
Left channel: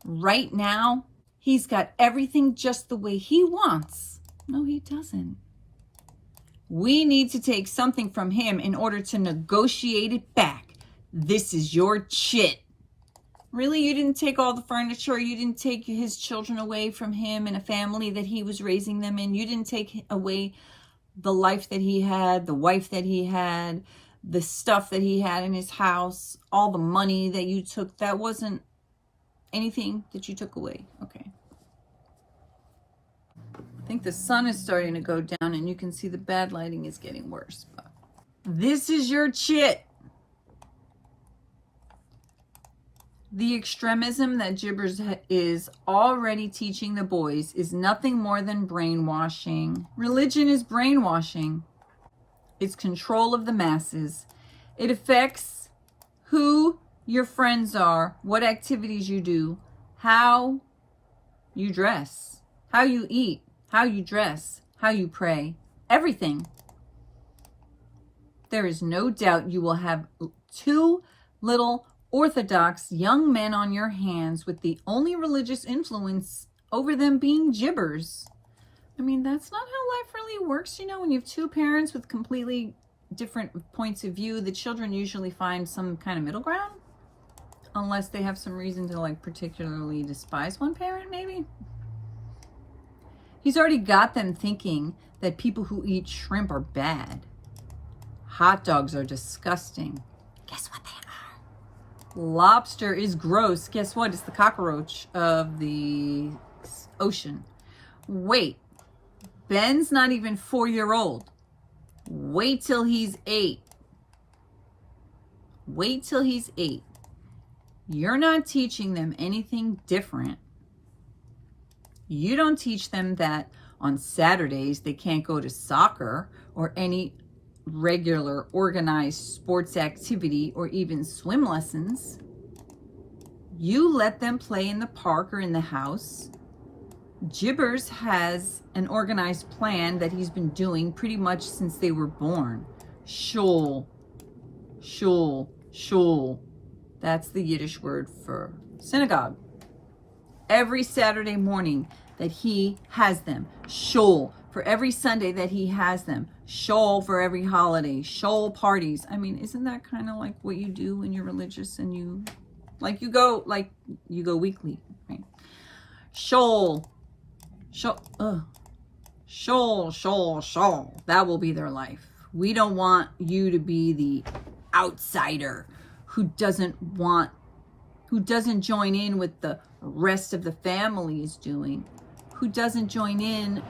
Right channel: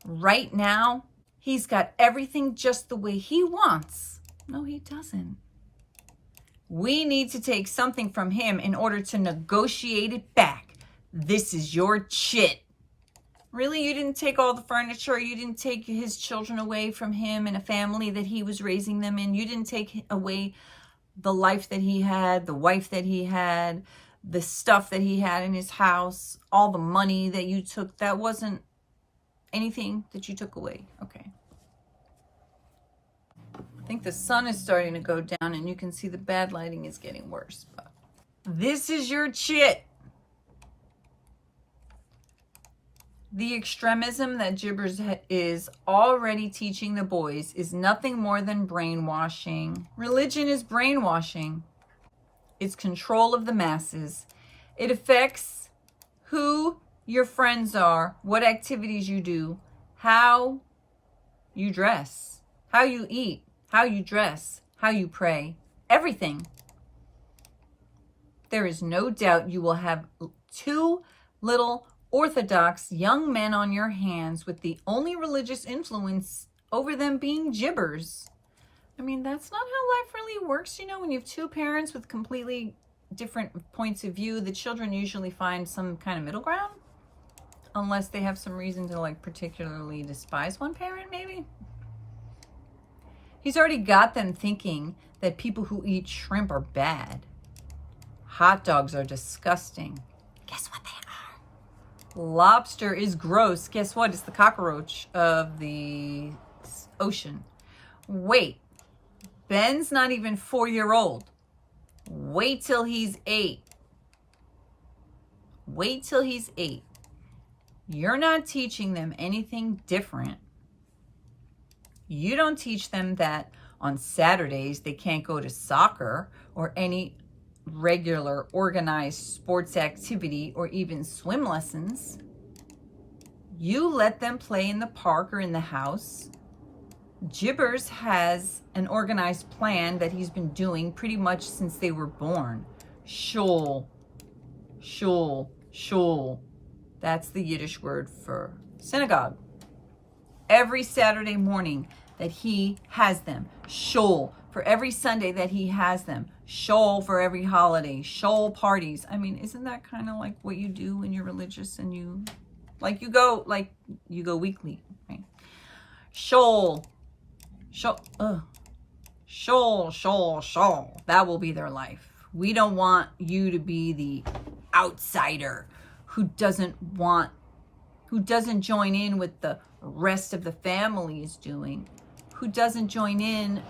Right now, he's got everything just the way he wants. No, he doesn't. We need to take something from him in order to negotiate it back. This is your chit. Really? You didn't take all the furniture? You didn't take his children away from him and a family that he was raising them in? You didn't take away the life that he had, the wife that he had, the stuff that he had in his house, all the money that you took? That wasn't anything that you took away. Okay. I think the sun is starting to go down and you can see the bad lighting is getting worse. But this is your chit. The extremism that Jibbers is already teaching the boys is nothing more than brainwashing. Religion is brainwashing. It's control of the masses. It affects who your friends are, what activities you do, how you dress, how you eat, how you dress, how you pray, everything. There is no doubt you will have 2 little Orthodox young men on your hands with the only religious influence over them being Jibbers. I mean, that's not how life really works. You know, when you have 2 parents with completely different points of view, the children usually find some kind of middle ground. Unless they have some reason to like particularly despise one parent, maybe. He's already got them thinking that people who eat shrimp are bad. Hot dogs are disgusting. Guess what they are? Lobster is gross. Guess what? It's the cockroach of the ocean. Wait. Ben's not even 4-year-old. Wait till he's 8. Wait till he's 8. You're not teaching them anything different. You don't teach them that on Saturdays they can't go to soccer or any regular organized sports activity or even swim lessons. You let them play in the park or in the house. Jibbers has an organized plan that he's been doing pretty much since they were born. Shul. Shul. Shul. That's the Yiddish word for synagogue. Every Saturday morning that he has them. Shul. for every Sunday that he has them. Shoal for every holiday. Shoal parties. I mean, isn't that kind of like what you do when you're religious and you go weekly, right? Shoal. Shoal. That will be their life. We don't want you to be the outsider who doesn't join in with the rest of the family is doing, who doesn't join in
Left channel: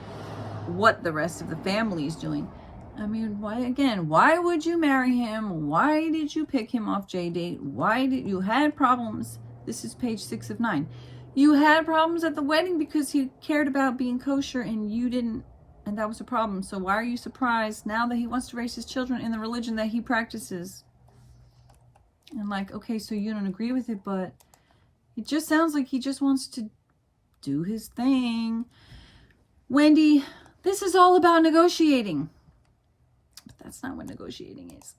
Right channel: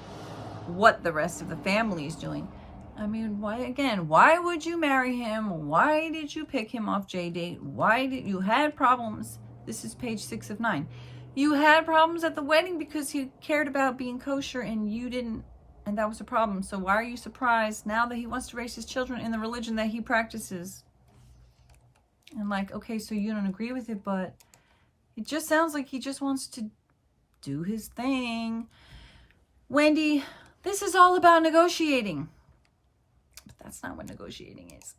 what the rest of the family is doing. I mean, why would you marry him? Why did you pick him off JDate? Why did you had problems? This is page 6 of 9. You had problems at the wedding because he cared about being kosher and you didn't, and that was a problem. So why are you surprised now that he wants to raise his children in the religion that he practices? And like, okay, so you don't agree with it, but it just sounds like he just wants to do his thing. Wendy, this is all about negotiating. But that's not what negotiating is.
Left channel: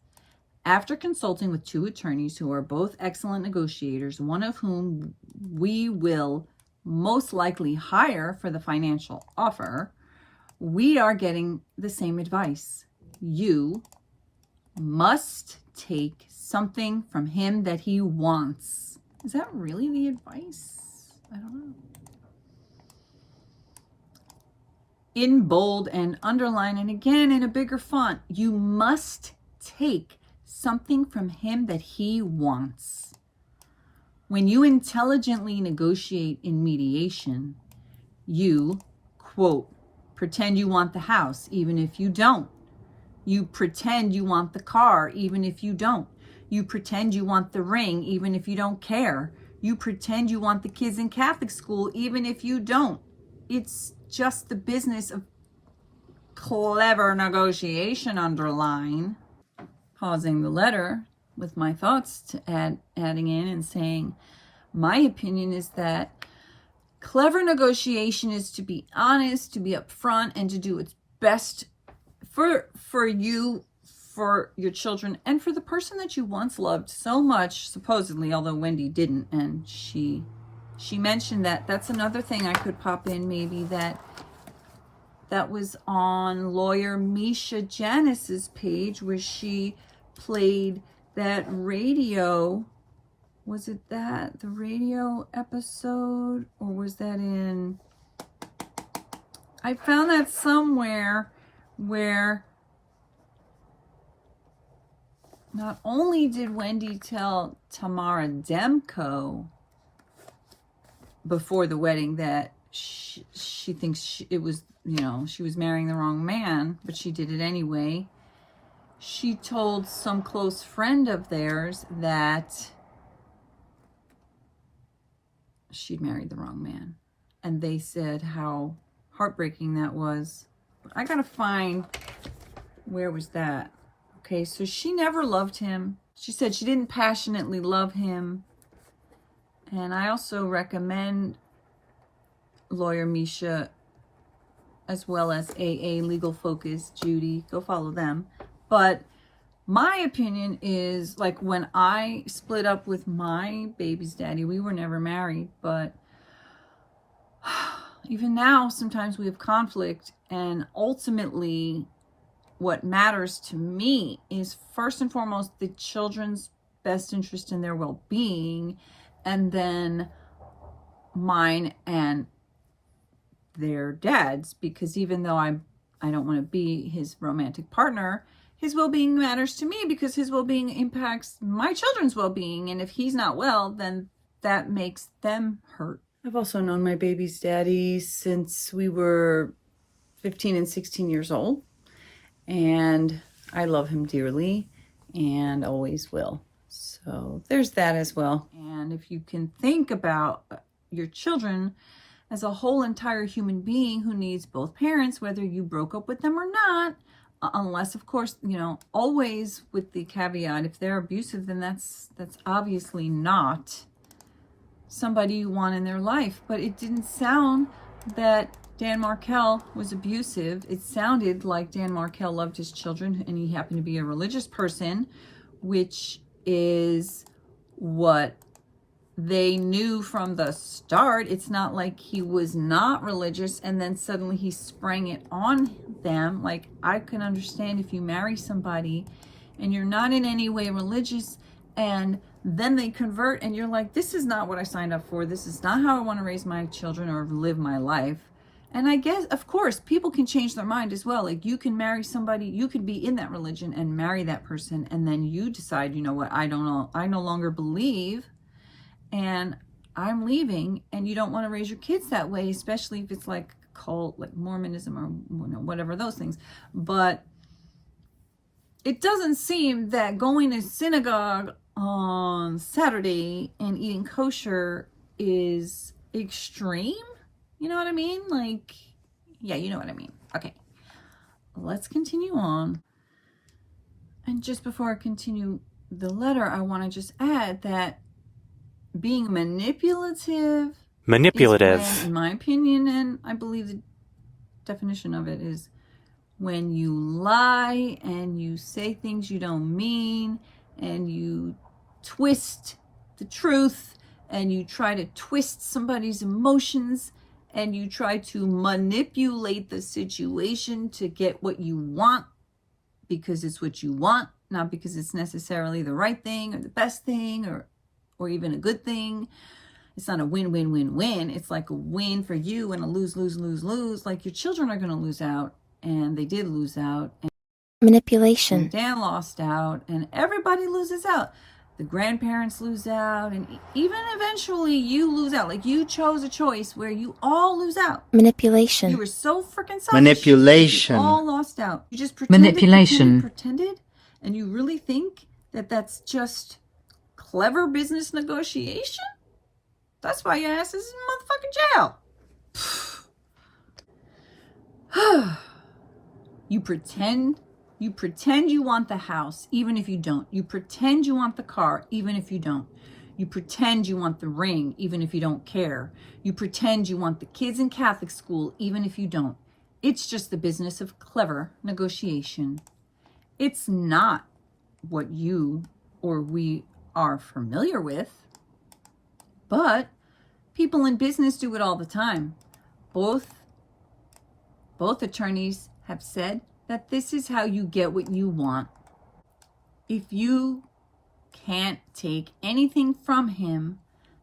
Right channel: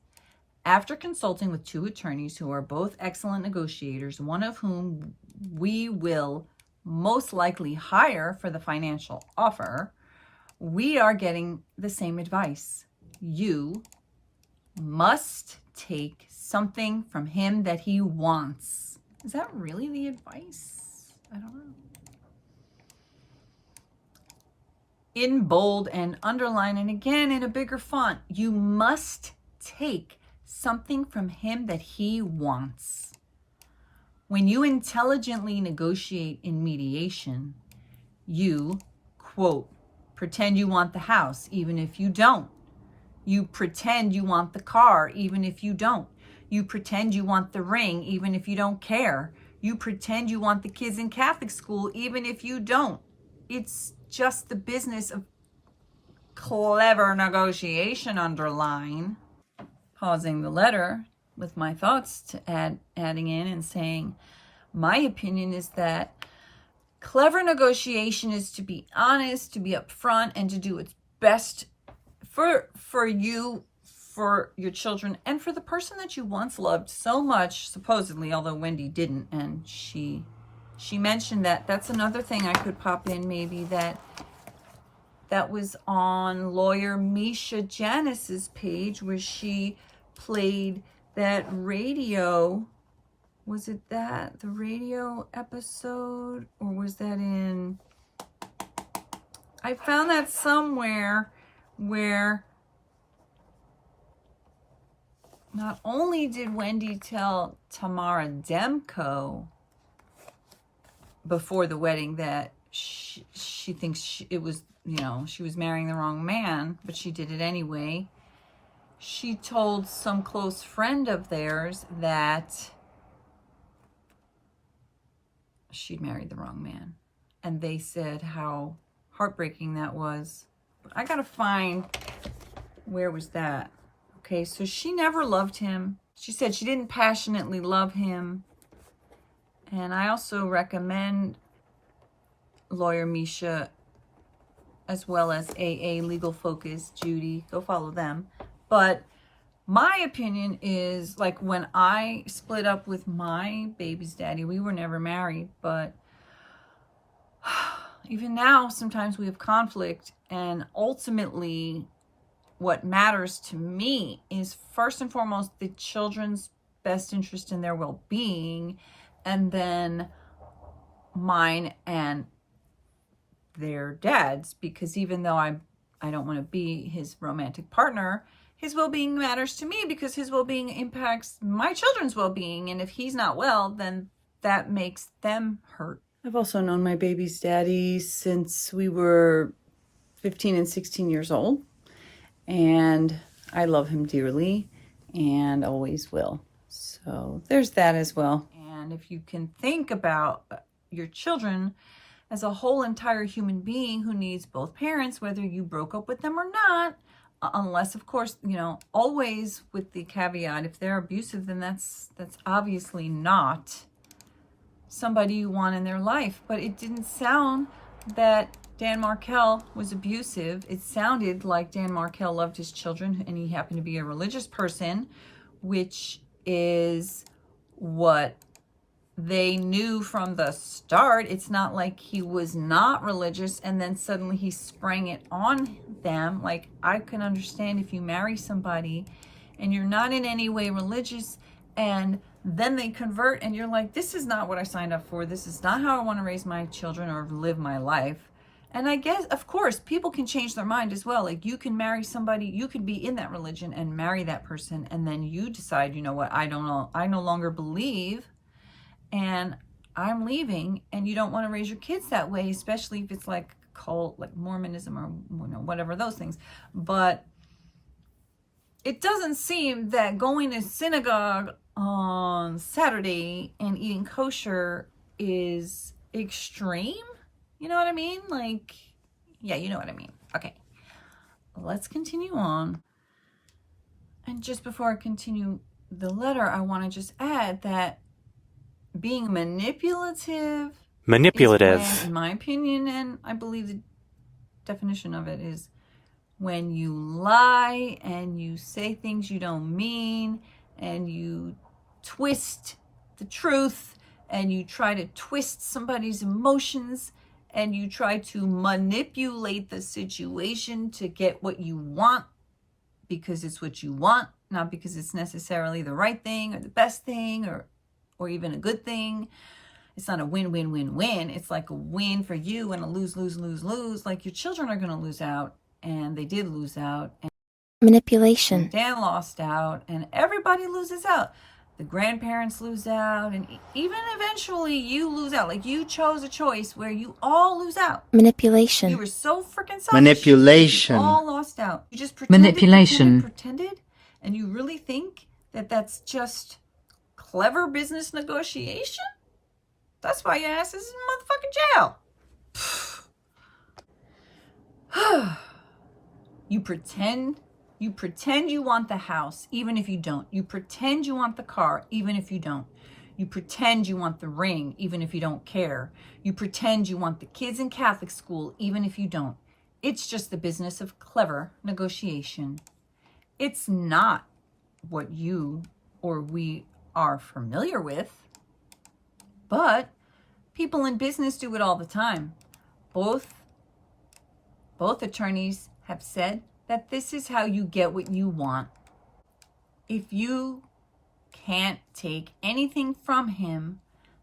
After consulting with 2 attorneys who are both excellent negotiators, one of whom we will most likely hire for the financial offer, we are getting the same advice. You must take something from him that he wants. Is that really the advice? I don't know. In bold and underline, and again in a bigger font, you must take something from him that he wants. When you intelligently negotiate in mediation, you, quote, pretend you want the house even if you don't. You pretend you want the car even if you don't. You pretend you want the ring even if you don't care. You pretend you want the kids in Catholic school even if you don't. It's just the business of clever negotiation, underline. Pausing the letter with my thoughts to adding in and saying, my opinion is that clever negotiation is to be honest, to be upfront, and to do its best for you, for your children, and for the person that you once loved so much, supposedly, although Wendy didn't, and she mentioned that. That's another thing I could pop in, maybe, that was on lawyer Misha Janice's page, where she played that radio. Was it the radio episode, or was that in, I found that somewhere, where not only did Wendy tell Tamara Demko before the wedding that she thinks it was, she was marrying the wrong man, but she did it anyway. She told some close friend of theirs that she'd married the wrong man. And they said how heartbreaking that was. I gotta find, where was that? Okay, so she never loved him. She said she didn't passionately love him. And I also recommend lawyer Misha, as well as AA Legal Focus, Judy. Go follow them. But my opinion is, like, when I split up with my baby's daddy, we were never married, but even now, sometimes we have conflict, and ultimately, what matters to me is first and foremost the children's best interest in their well-being, and then mine and their dad's, because even though I don't want to be his romantic partner, his well-being matters to me because his well-being impacts my children's well-being, and if he's not well, then that makes them hurt. I've also known my baby's daddy since we were 15 and 16 years old, and I love him dearly and always will. So there's that as well. And if you can think about your children as a whole entire human being who needs both parents, whether you broke up with them or not, unless, of course, always with the caveat, if they're abusive, then that's obviously not somebody you want in their life. But it didn't sound that Dan Markel was abusive. It sounded like Dan Markel loved his children, and he happened to be a religious person, which is what they knew from the start. It's not like he was not religious and then suddenly he sprang it on them. Like, I can understand if you marry somebody and you're not in any way religious and then they convert and you're like, this is not what I signed up for. This is not how I want to raise my children or live my life. And I guess, of course, people can change their mind as well. Like, you can marry somebody, you could be in that religion and marry that person, and then you decide, you know what, I no longer believe, and I'm leaving, and you don't want to raise your kids that way, especially if it's like cult, like Mormonism or whatever, those things. But it doesn't seem that going to synagogue on Saturday and eating kosher is extreme. You know what I mean? Like, yeah, you know what I mean. Okay, let's continue on. And just before I continue the letter, I want to just add that being manipulative, is when, in my opinion, and I believe the definition of it is when you lie and you say things you don't mean and you twist the truth and you try to twist somebody's emotions and you try to manipulate the situation to get what you want because it's what you want, not because it's necessarily the right thing or the best thing or even a good thing. It's not a win-win-win-win. It's like a win for you and a lose-lose-lose-lose. Like, your children are going to lose out, and they did lose out. And Manipulation. Dan lost out, and everybody loses out. The grandparents lose out, and even eventually you lose out. Like, you chose a choice where you all lose out. Manipulation. You were so freaking selfish. Manipulation. You all lost out. You just pretended, and you really think that that's just clever business negotiation? That's why your ass is in motherfucking jail. You pretend you want the house, even if you don't. You pretend you want the car, even if you don't. You pretend you want the ring, even if you don't care. You pretend you want the kids in Catholic school, even if you don't. It's just the business of clever negotiation. It's not what you or we are familiar with, but people in business do it all the time. Both attorneys have said that this is how you get what you want. If you can't take anything from him,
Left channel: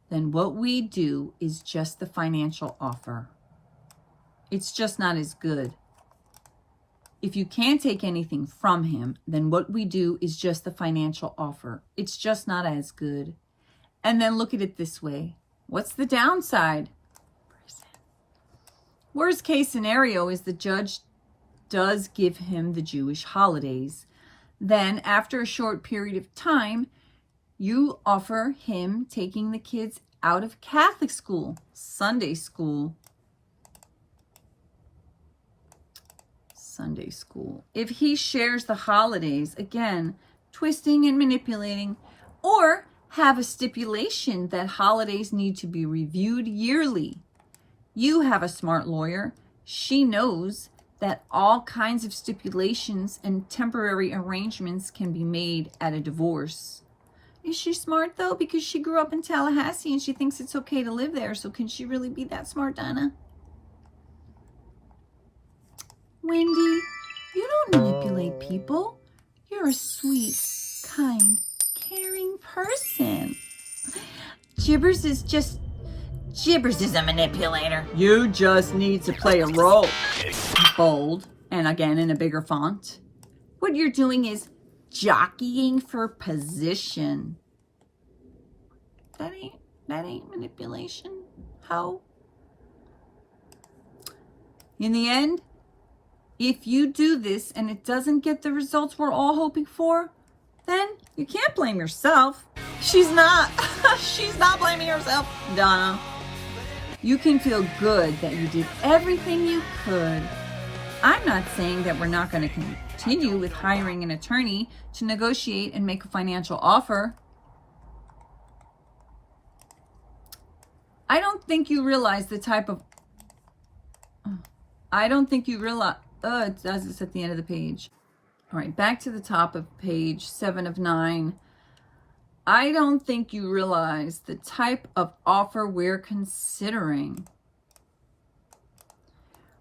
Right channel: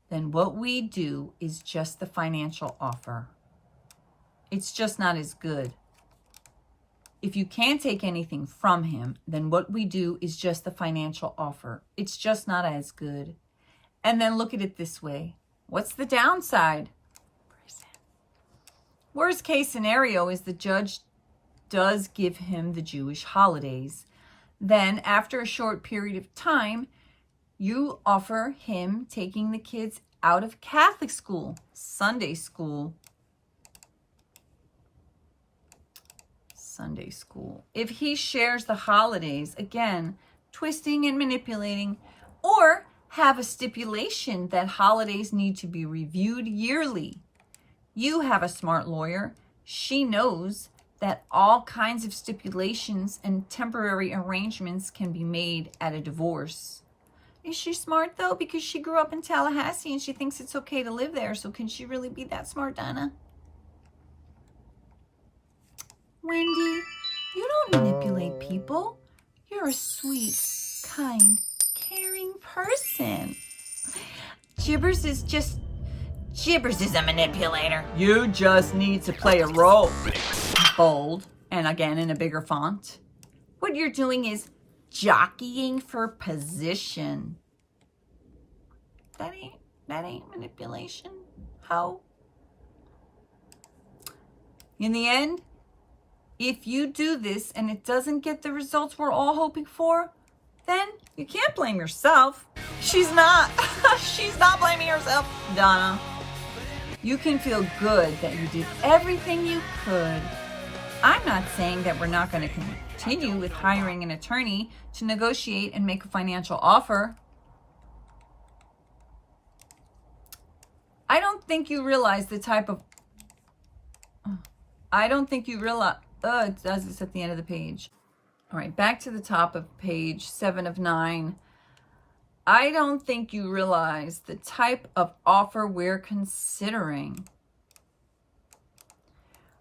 then what we do is just the financial offer. It's just not as good. If you can't take anything from him, then what we do is just the financial offer. It's just not as good. And then look at it this way. What's the downside? Worst case scenario is the judge does give him the Jewish holidays. Then after a short period of time, you offer him taking the kids out of Catholic school, Sunday school. If he shares the holidays, again, twisting and manipulating, or have a stipulation that holidays need to be reviewed yearly. You have a smart lawyer. She knows that all kinds of stipulations and temporary arrangements can be made at a divorce. Is she smart, though? Because she grew up in Tallahassee and she thinks it's okay to live there. So can she really be that smart, Donna? Wendy, you don't manipulate people. You're a sweet, kind, caring person. Jibbers is a manipulator. You just need to play a role. Bold, and again in a bigger font. What you're doing is jockeying for position. That ain't manipulation. How? In the end, if you do this and it doesn't get the results we're all hoping for, then you can't blame yourself. She's not blaming herself, Donna. You can feel good that you did everything you could. I'm not saying that we're not going to continue with hiring an attorney to negotiate and make a financial offer. I don't think you realize the type of... it does this at the end of the page. All right, back to the top of page 7 of 9. I don't think you realize the type of offer we're considering.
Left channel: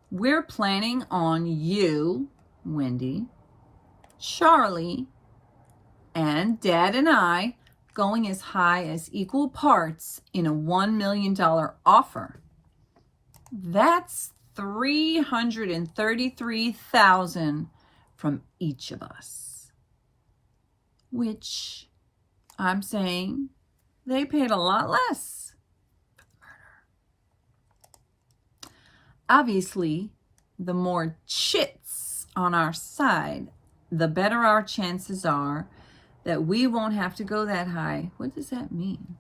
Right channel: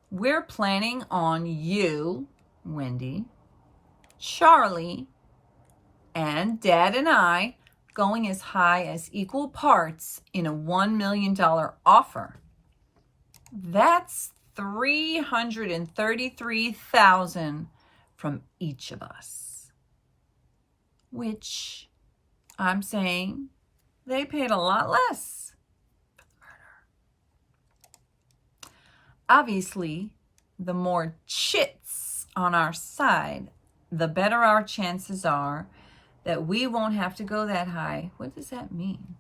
We're planning on you, Wendy, Charlie, and Dad and I going as high as equal parts in a $1 million offer. That's $333,000 from each of us, which I'm saying they paid a lot less for the murder. Obviously, the more chits on our side, the better our chances are that we won't have to go that high. What does that mean?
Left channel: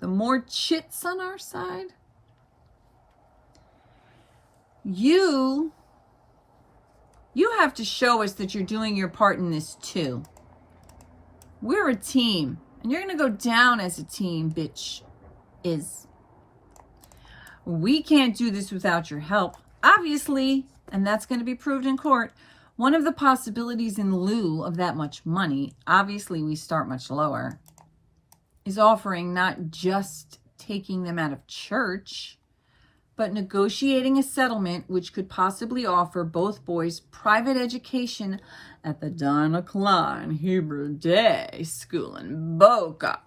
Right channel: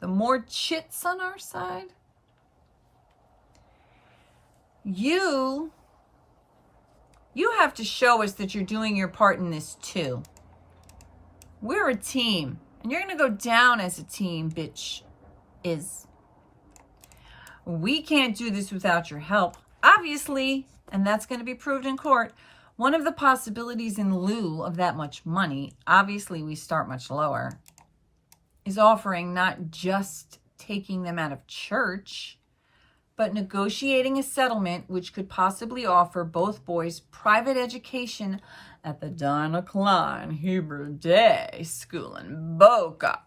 The more chits on our side? You have to show us that you're doing your part in this too. We're a team, and you're going to go down as a team, bitch is. We can't do this without your help, obviously, and that's going to be proved in court. One of the possibilities in lieu of that much money, obviously we start much lower, is offering not just taking them out of church, but negotiating a settlement which could possibly offer both boys private education at the Donna Hebrew Day School in Boca.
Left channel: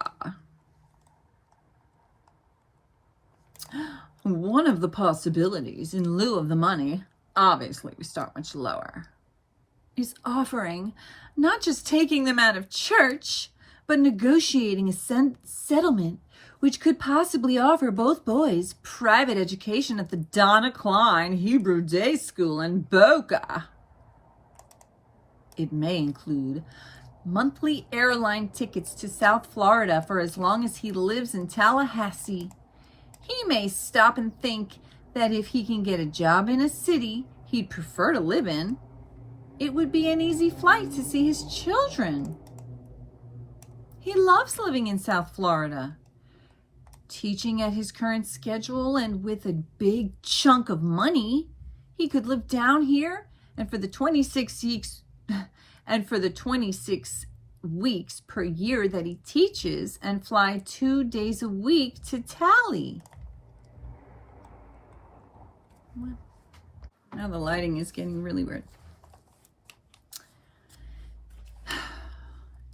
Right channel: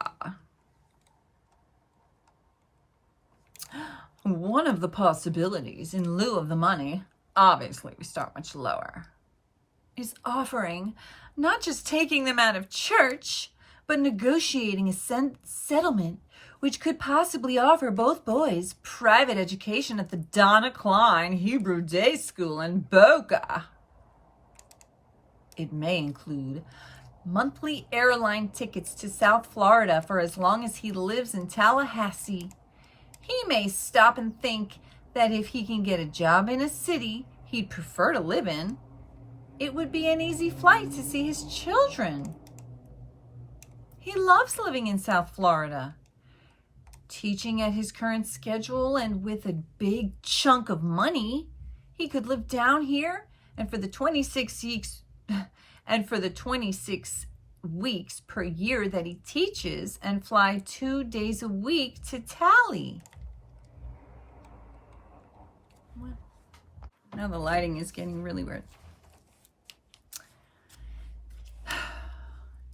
One of the possibilities in lieu of the money, obviously we start much lower, is offering not just taking them out of church, but negotiating a settlement which could possibly offer both boys private education at the Donna Hebrew Day School in Boca. It may include monthly airline tickets to South Florida for as long as he lives in Tallahassee. He may stop and think that if he can get a job in a city he'd prefer to live in, it would be an easy flight to see his children. He loves living in South Florida. Teaching at his current schedule and with a big chunk of money, he could live down here and for the 26 weeks per year that he teaches and fly 2 days a week to Tally. Now the lighting is getting really weird.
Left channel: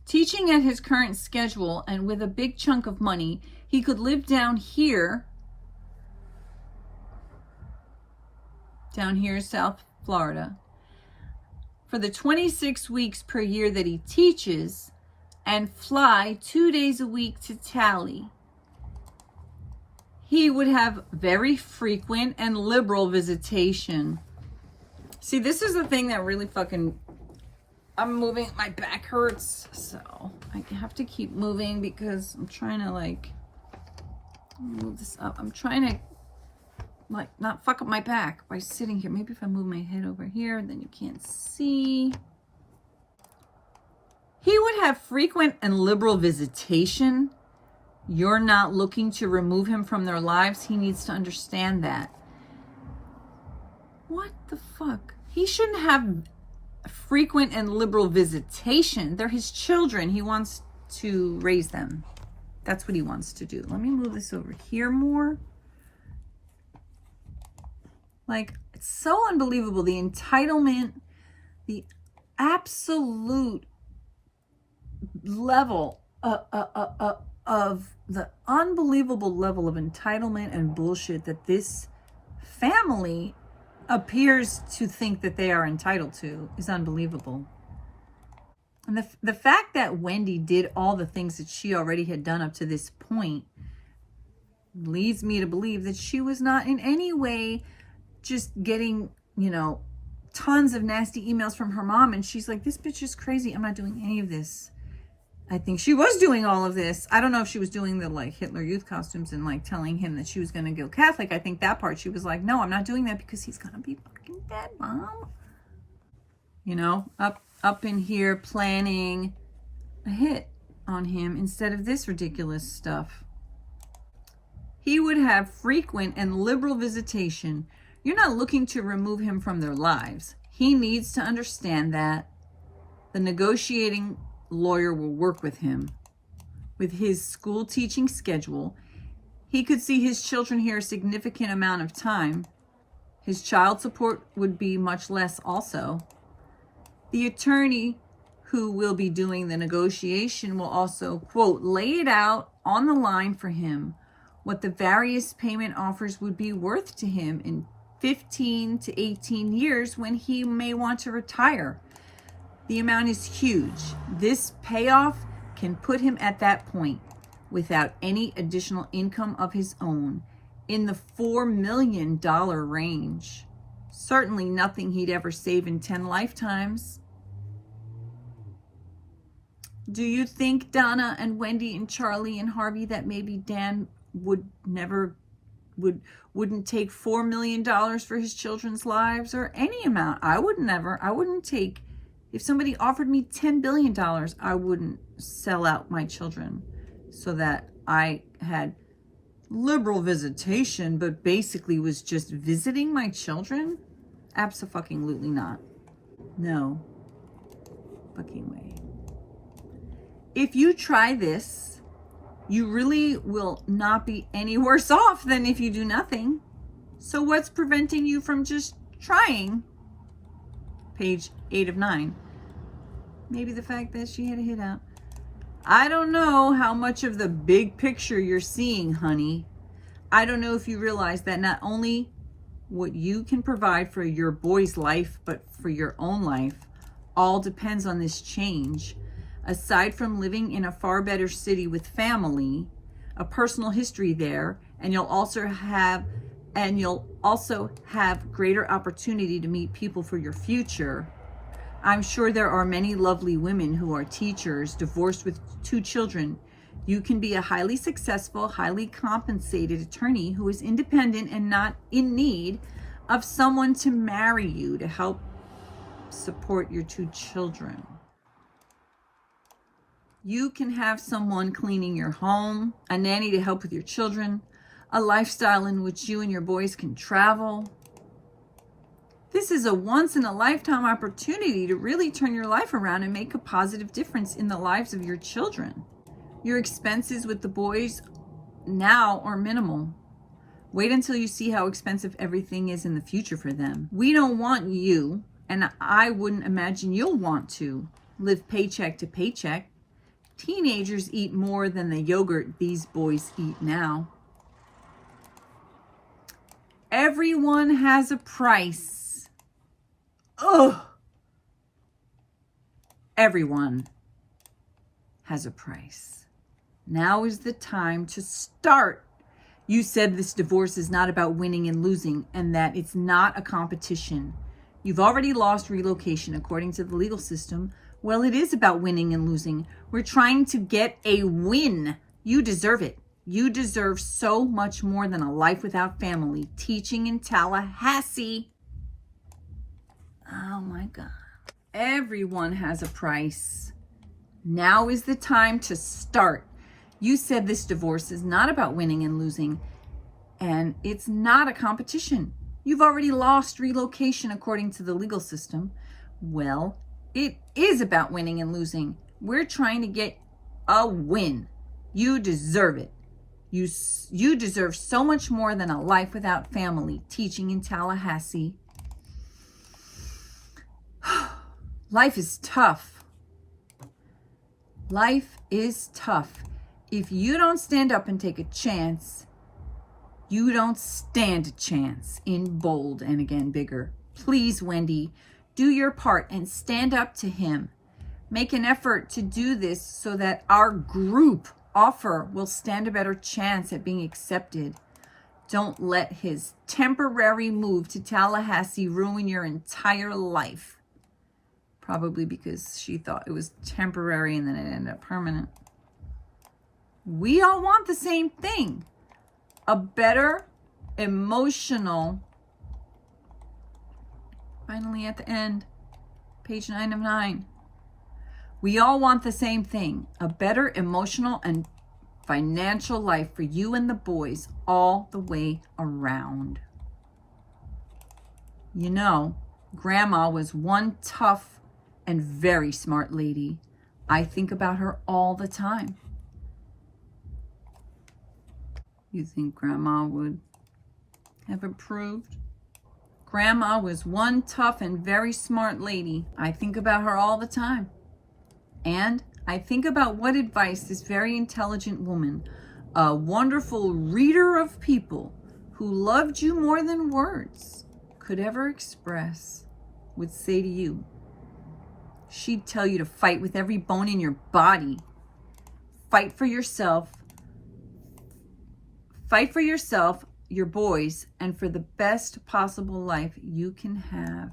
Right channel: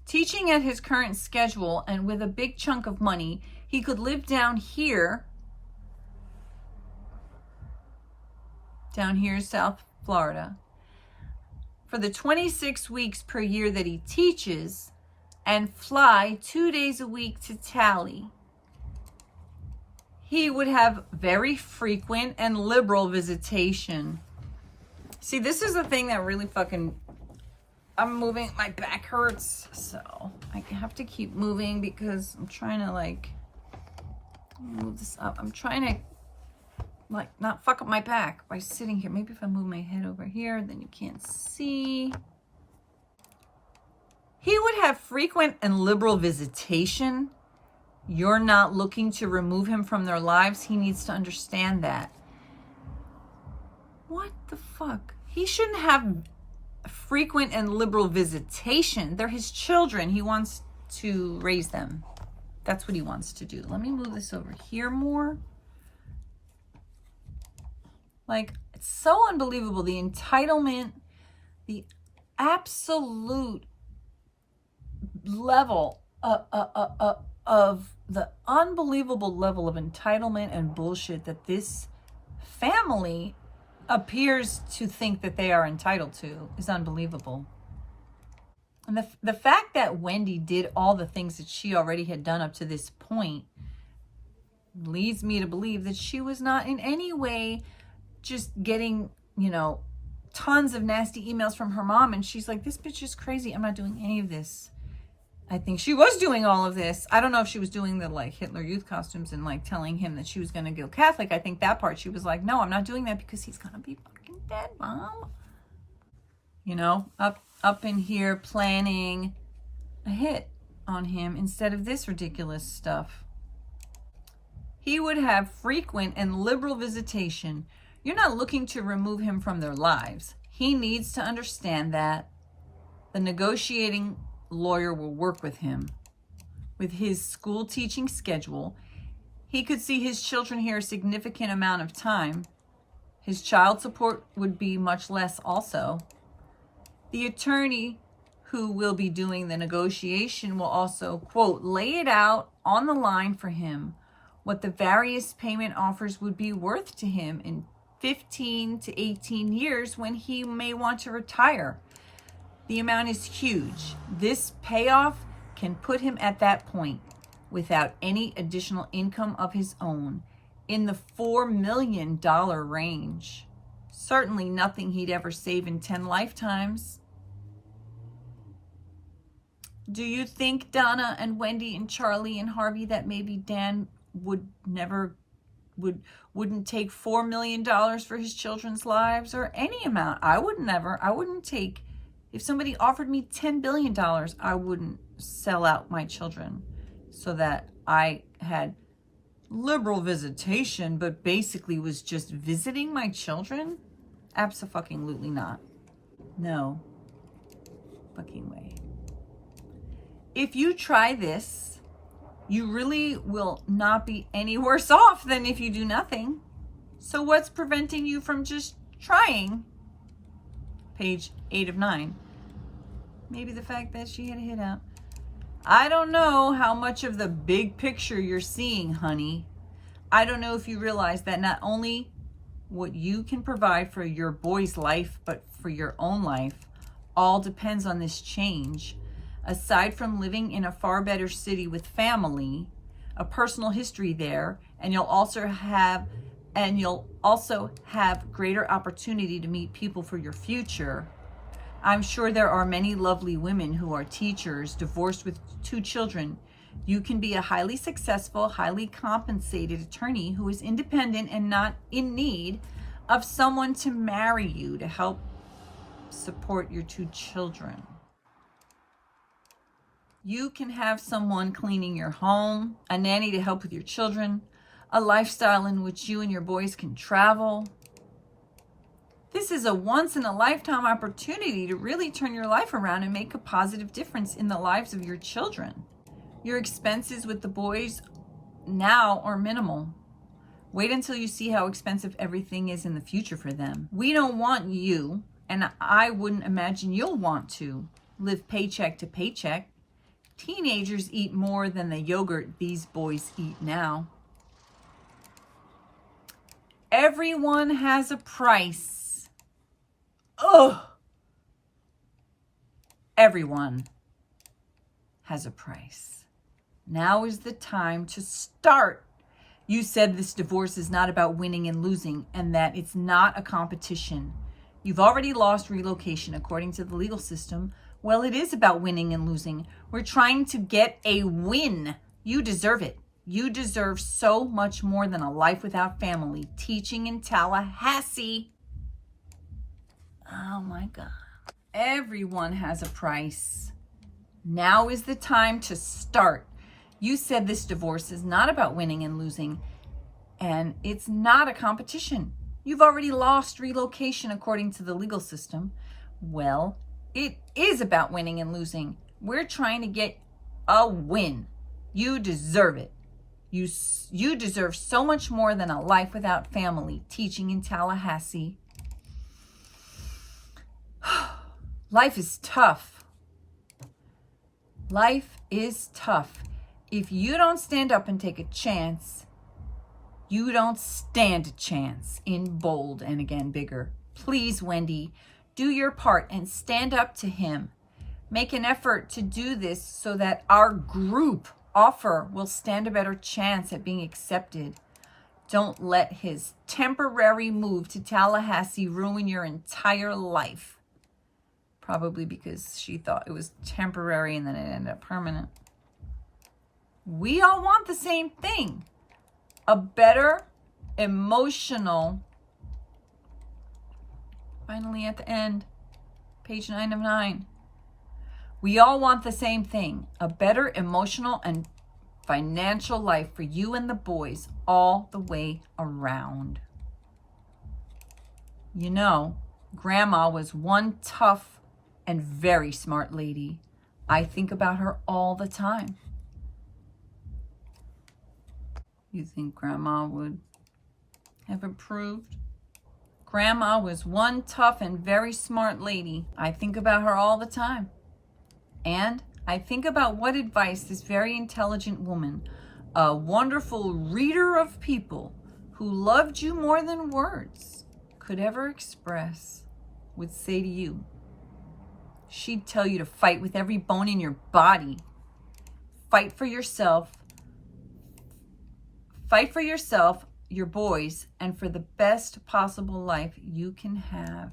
Teaching at his current schedule and with a big chunk of money, he could live down here, South Florida, for the 26 weeks per year that he teaches and fly 2 days a week to Tally. He would have very frequent and liberal visitation. See, this is the thing that really I'm moving, my back hurts, so I have to keep moving because I'm trying to move this up. I'm trying to not fuck up my back by sitting here. Maybe if I move my head over here, then you can't see. He would have frequent and liberal visitation. You're not looking to remove him from their lives. He needs to understand that. What the fuck? He shouldn't have frequent and liberal visitation. They're his children. He wants to raise them. That's what he wants to do. Let me move this over here more. It's so unbelievable. The entitlement, the absolute level of the unbelievable level of entitlement and bullshit that this family appears to think that they are entitled to is unbelievable. And the fact that Wendy did all the things that she already had done up to this point leads me to believe that she was not in any way just getting, tons of nasty emails from her mom. And she's like, this bitch is crazy. I'm not doing any of this. I think she was doing all of this. I don't know if she was doing the Hitler Youth costumes and telling him that she was going to go Catholic. I think that part she was like, no, I'm not doing that because he's going to be fucking dead, Mom. Up in here planning a hit on him instead of this ridiculous stuff. He would have frequent and liberal visitation. You're not looking to remove him from their lives. He needs to understand that. The negotiating lawyer will work with him. With his school teaching schedule, he could see his children here a significant amount of time. His child support would be much less also. The attorney who will be doing the negotiation will also, quote, lay it out on the line for him what the various payment offers would be worth to him in 15 to 18 years when he may want to retire. The amount is huge. This payoff can put him at that point without any additional income of his own in the $4 million range. Certainly nothing he'd ever save in 10 lifetimes. Do you think, Donna and Wendy and Charlie and Harvey, that maybe Dan wouldn't take $4 million for his children's lives, or any amount? I wouldn't take, if somebody offered me $10 billion, I wouldn't sell out my children so that I had liberal visitation, but basically was just visiting my children. Abso-fucking-lutely not. No fucking way. If you try this, you really will not be any worse off than if you do nothing. So what's preventing you from just trying? Page 8 of 9. Maybe the fact that she had a hit out. I don't know how much of the big picture you're seeing, honey. I don't know if you realize that not only what you can provide for your boy's life, but for your own life, all depends on this change. Aside from living in a far better city with family, a personal history there, and you'll also have greater opportunity to meet people for your future. I'm sure there are many lovely women who are teachers, divorced with 2 children. You can be a highly successful, highly compensated attorney who is independent and not in need of someone to marry you to help support your 2 children. You can have someone cleaning your home, a nanny to help with your children, a lifestyle in which you and your boys can travel. This is a once-in-a-lifetime opportunity to really turn your life around and make a positive difference in the lives of your children. Your expenses with the boys now are minimal. Wait until you see how expensive everything is in the future for them. We don't want you, and I wouldn't imagine you'll want to, live paycheck to paycheck. Teenagers eat more than the yogurt these boys eat now. Everyone has a price. Ugh. Everyone has a price. Now is the time to start. You said this divorce is not about winning and losing, and that it's not a competition. You've already lost relocation according to the legal system. Well, it is about winning and losing. We're trying to get a win. You deserve it. You deserve so much more than a life without family, teaching in Tallahassee. Oh my God. Everyone has a price. Now is the time to start. You said this divorce is not about winning and losing, and it's not a competition. You've already lost relocation according to the legal system. Well, it is about winning and losing. We're trying to get a win. You deserve it. You deserve so much more than a life without family, teaching in Tallahassee. Life is tough. Life is tough. If you don't stand up and take a chance, you don't stand a chance, in bold and again bigger. Please, Wendy, do your part and stand up to him. Make an effort to do this so that our group offer will stand a better chance at being accepted. Don't let his temporary move to Tallahassee ruin your entire life. Probably because she thought it was temporary and then it ended up permanent. We all want the same thing. A better emotional, finally at the end, page 9 of 9. We all want the same thing, a better emotional and financial life for you and the boys all the way around. You know, Grandma was one tough and very smart lady. I think about her all the time. you think Grandma would have approved? Grandma was one tough and very smart lady. I think about her all the time. And I think about what advice this very intelligent woman, a wonderful reader of people who loved you more than words could ever express, would say to you. She'd tell you to fight with every bone in your body. Fight for yourself. Fight for yourself, your boys, and for the best possible life you can have.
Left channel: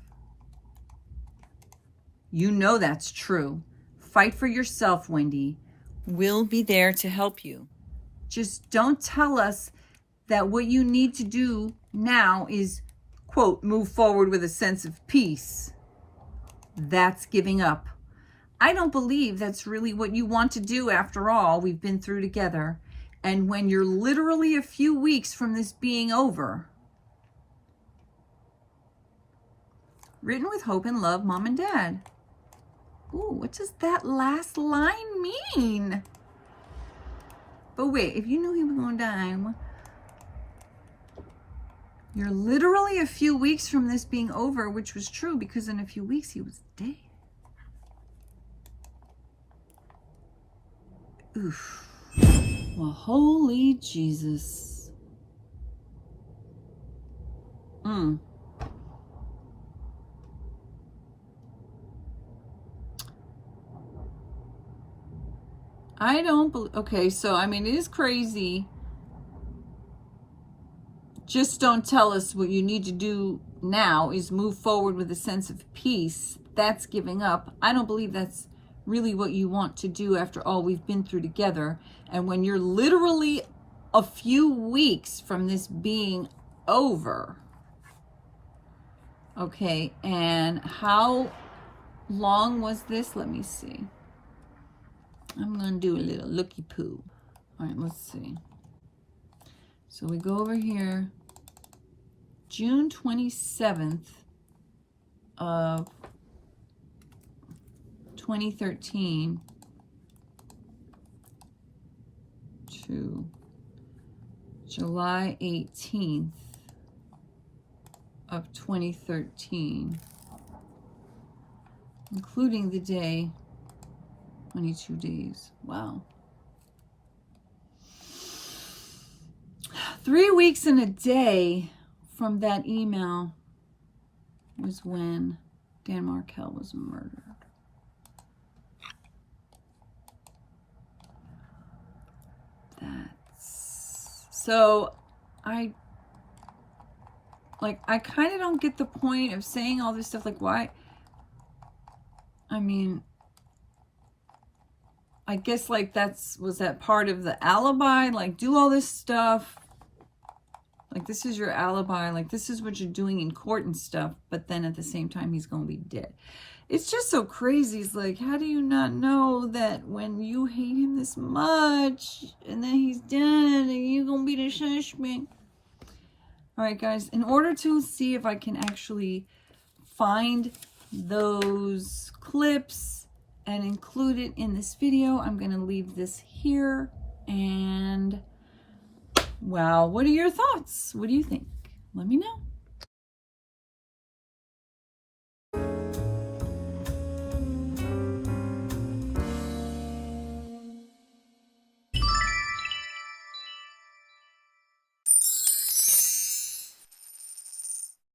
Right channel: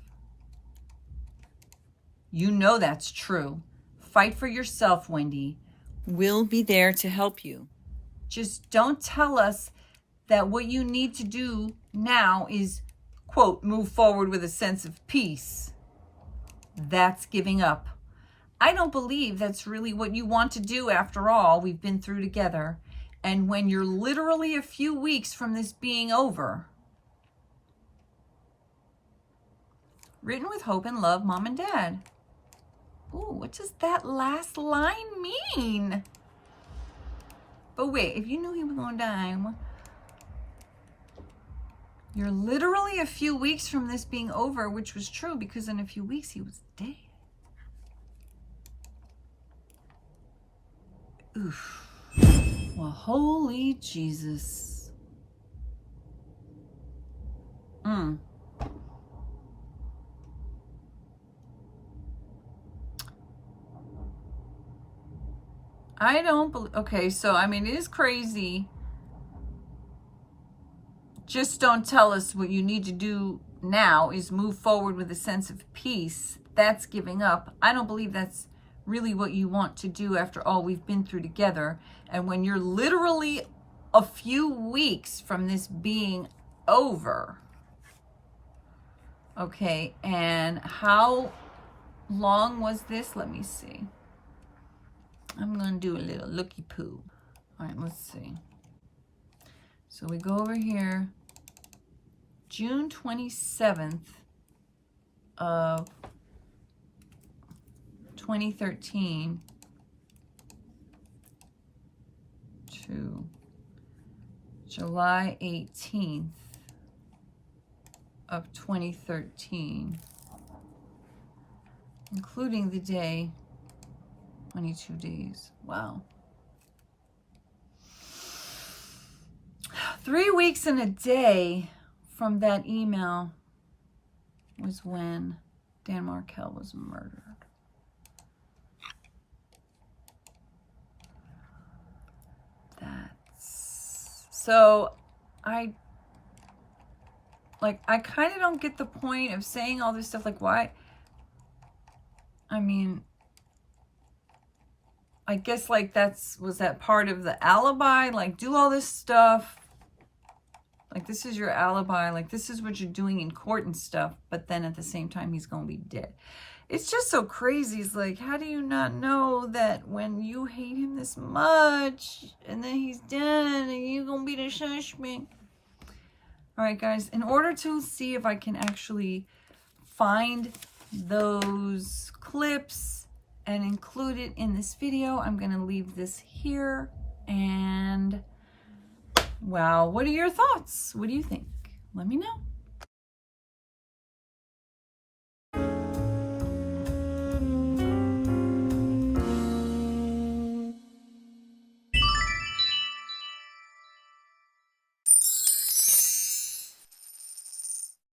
You know that's true. Fight for yourself, Wendy. We'll be there to help you. Just don't tell us that what you need to do now is, quote, move forward with a sense of peace. That's giving up. I don't believe that's really what you want to do after all we've been through together. And when you're literally a few weeks from this being over. Written with hope and love, Mom and Dad. Ooh, what does that last line mean? But wait, if you knew he was going to die, you're literally a few weeks from this being over, which was true because in a few weeks he was dead. Oof. Well, holy Jesus. I don't believe, okay, so I mean, it is crazy. Just don't tell us what you need to do now is move forward with a sense of peace. That's giving up. I don't believe that's really what you want to do after all we've been through together. And when you're literally a few weeks from this being over. Okay, and how long was this? Let me see. I'm going to do a little looky poo. All right, let's see. So we go over here. June 27th of 2013 to July 18th of 2013, including the day 22 days. Wow. 3 weeks and a day from that email was when Dan Markel was murdered. So I kind of don't get the point of saying all this stuff. Like, why? I mean, I guess like was that part of the alibi? Like, do all this stuff. Like, this is your alibi. Like, this is what you're doing in court and stuff. But then at the same time, he's going to be dead. It's just so crazy. It's like, how do you not know that when you hate him this much and then he's dead and you're going to be the suspect? All right, guys. In order to see if I can actually find those clips and include it in this video, I'm going to leave this here. And wow, what are your thoughts? What do you think? Let me know.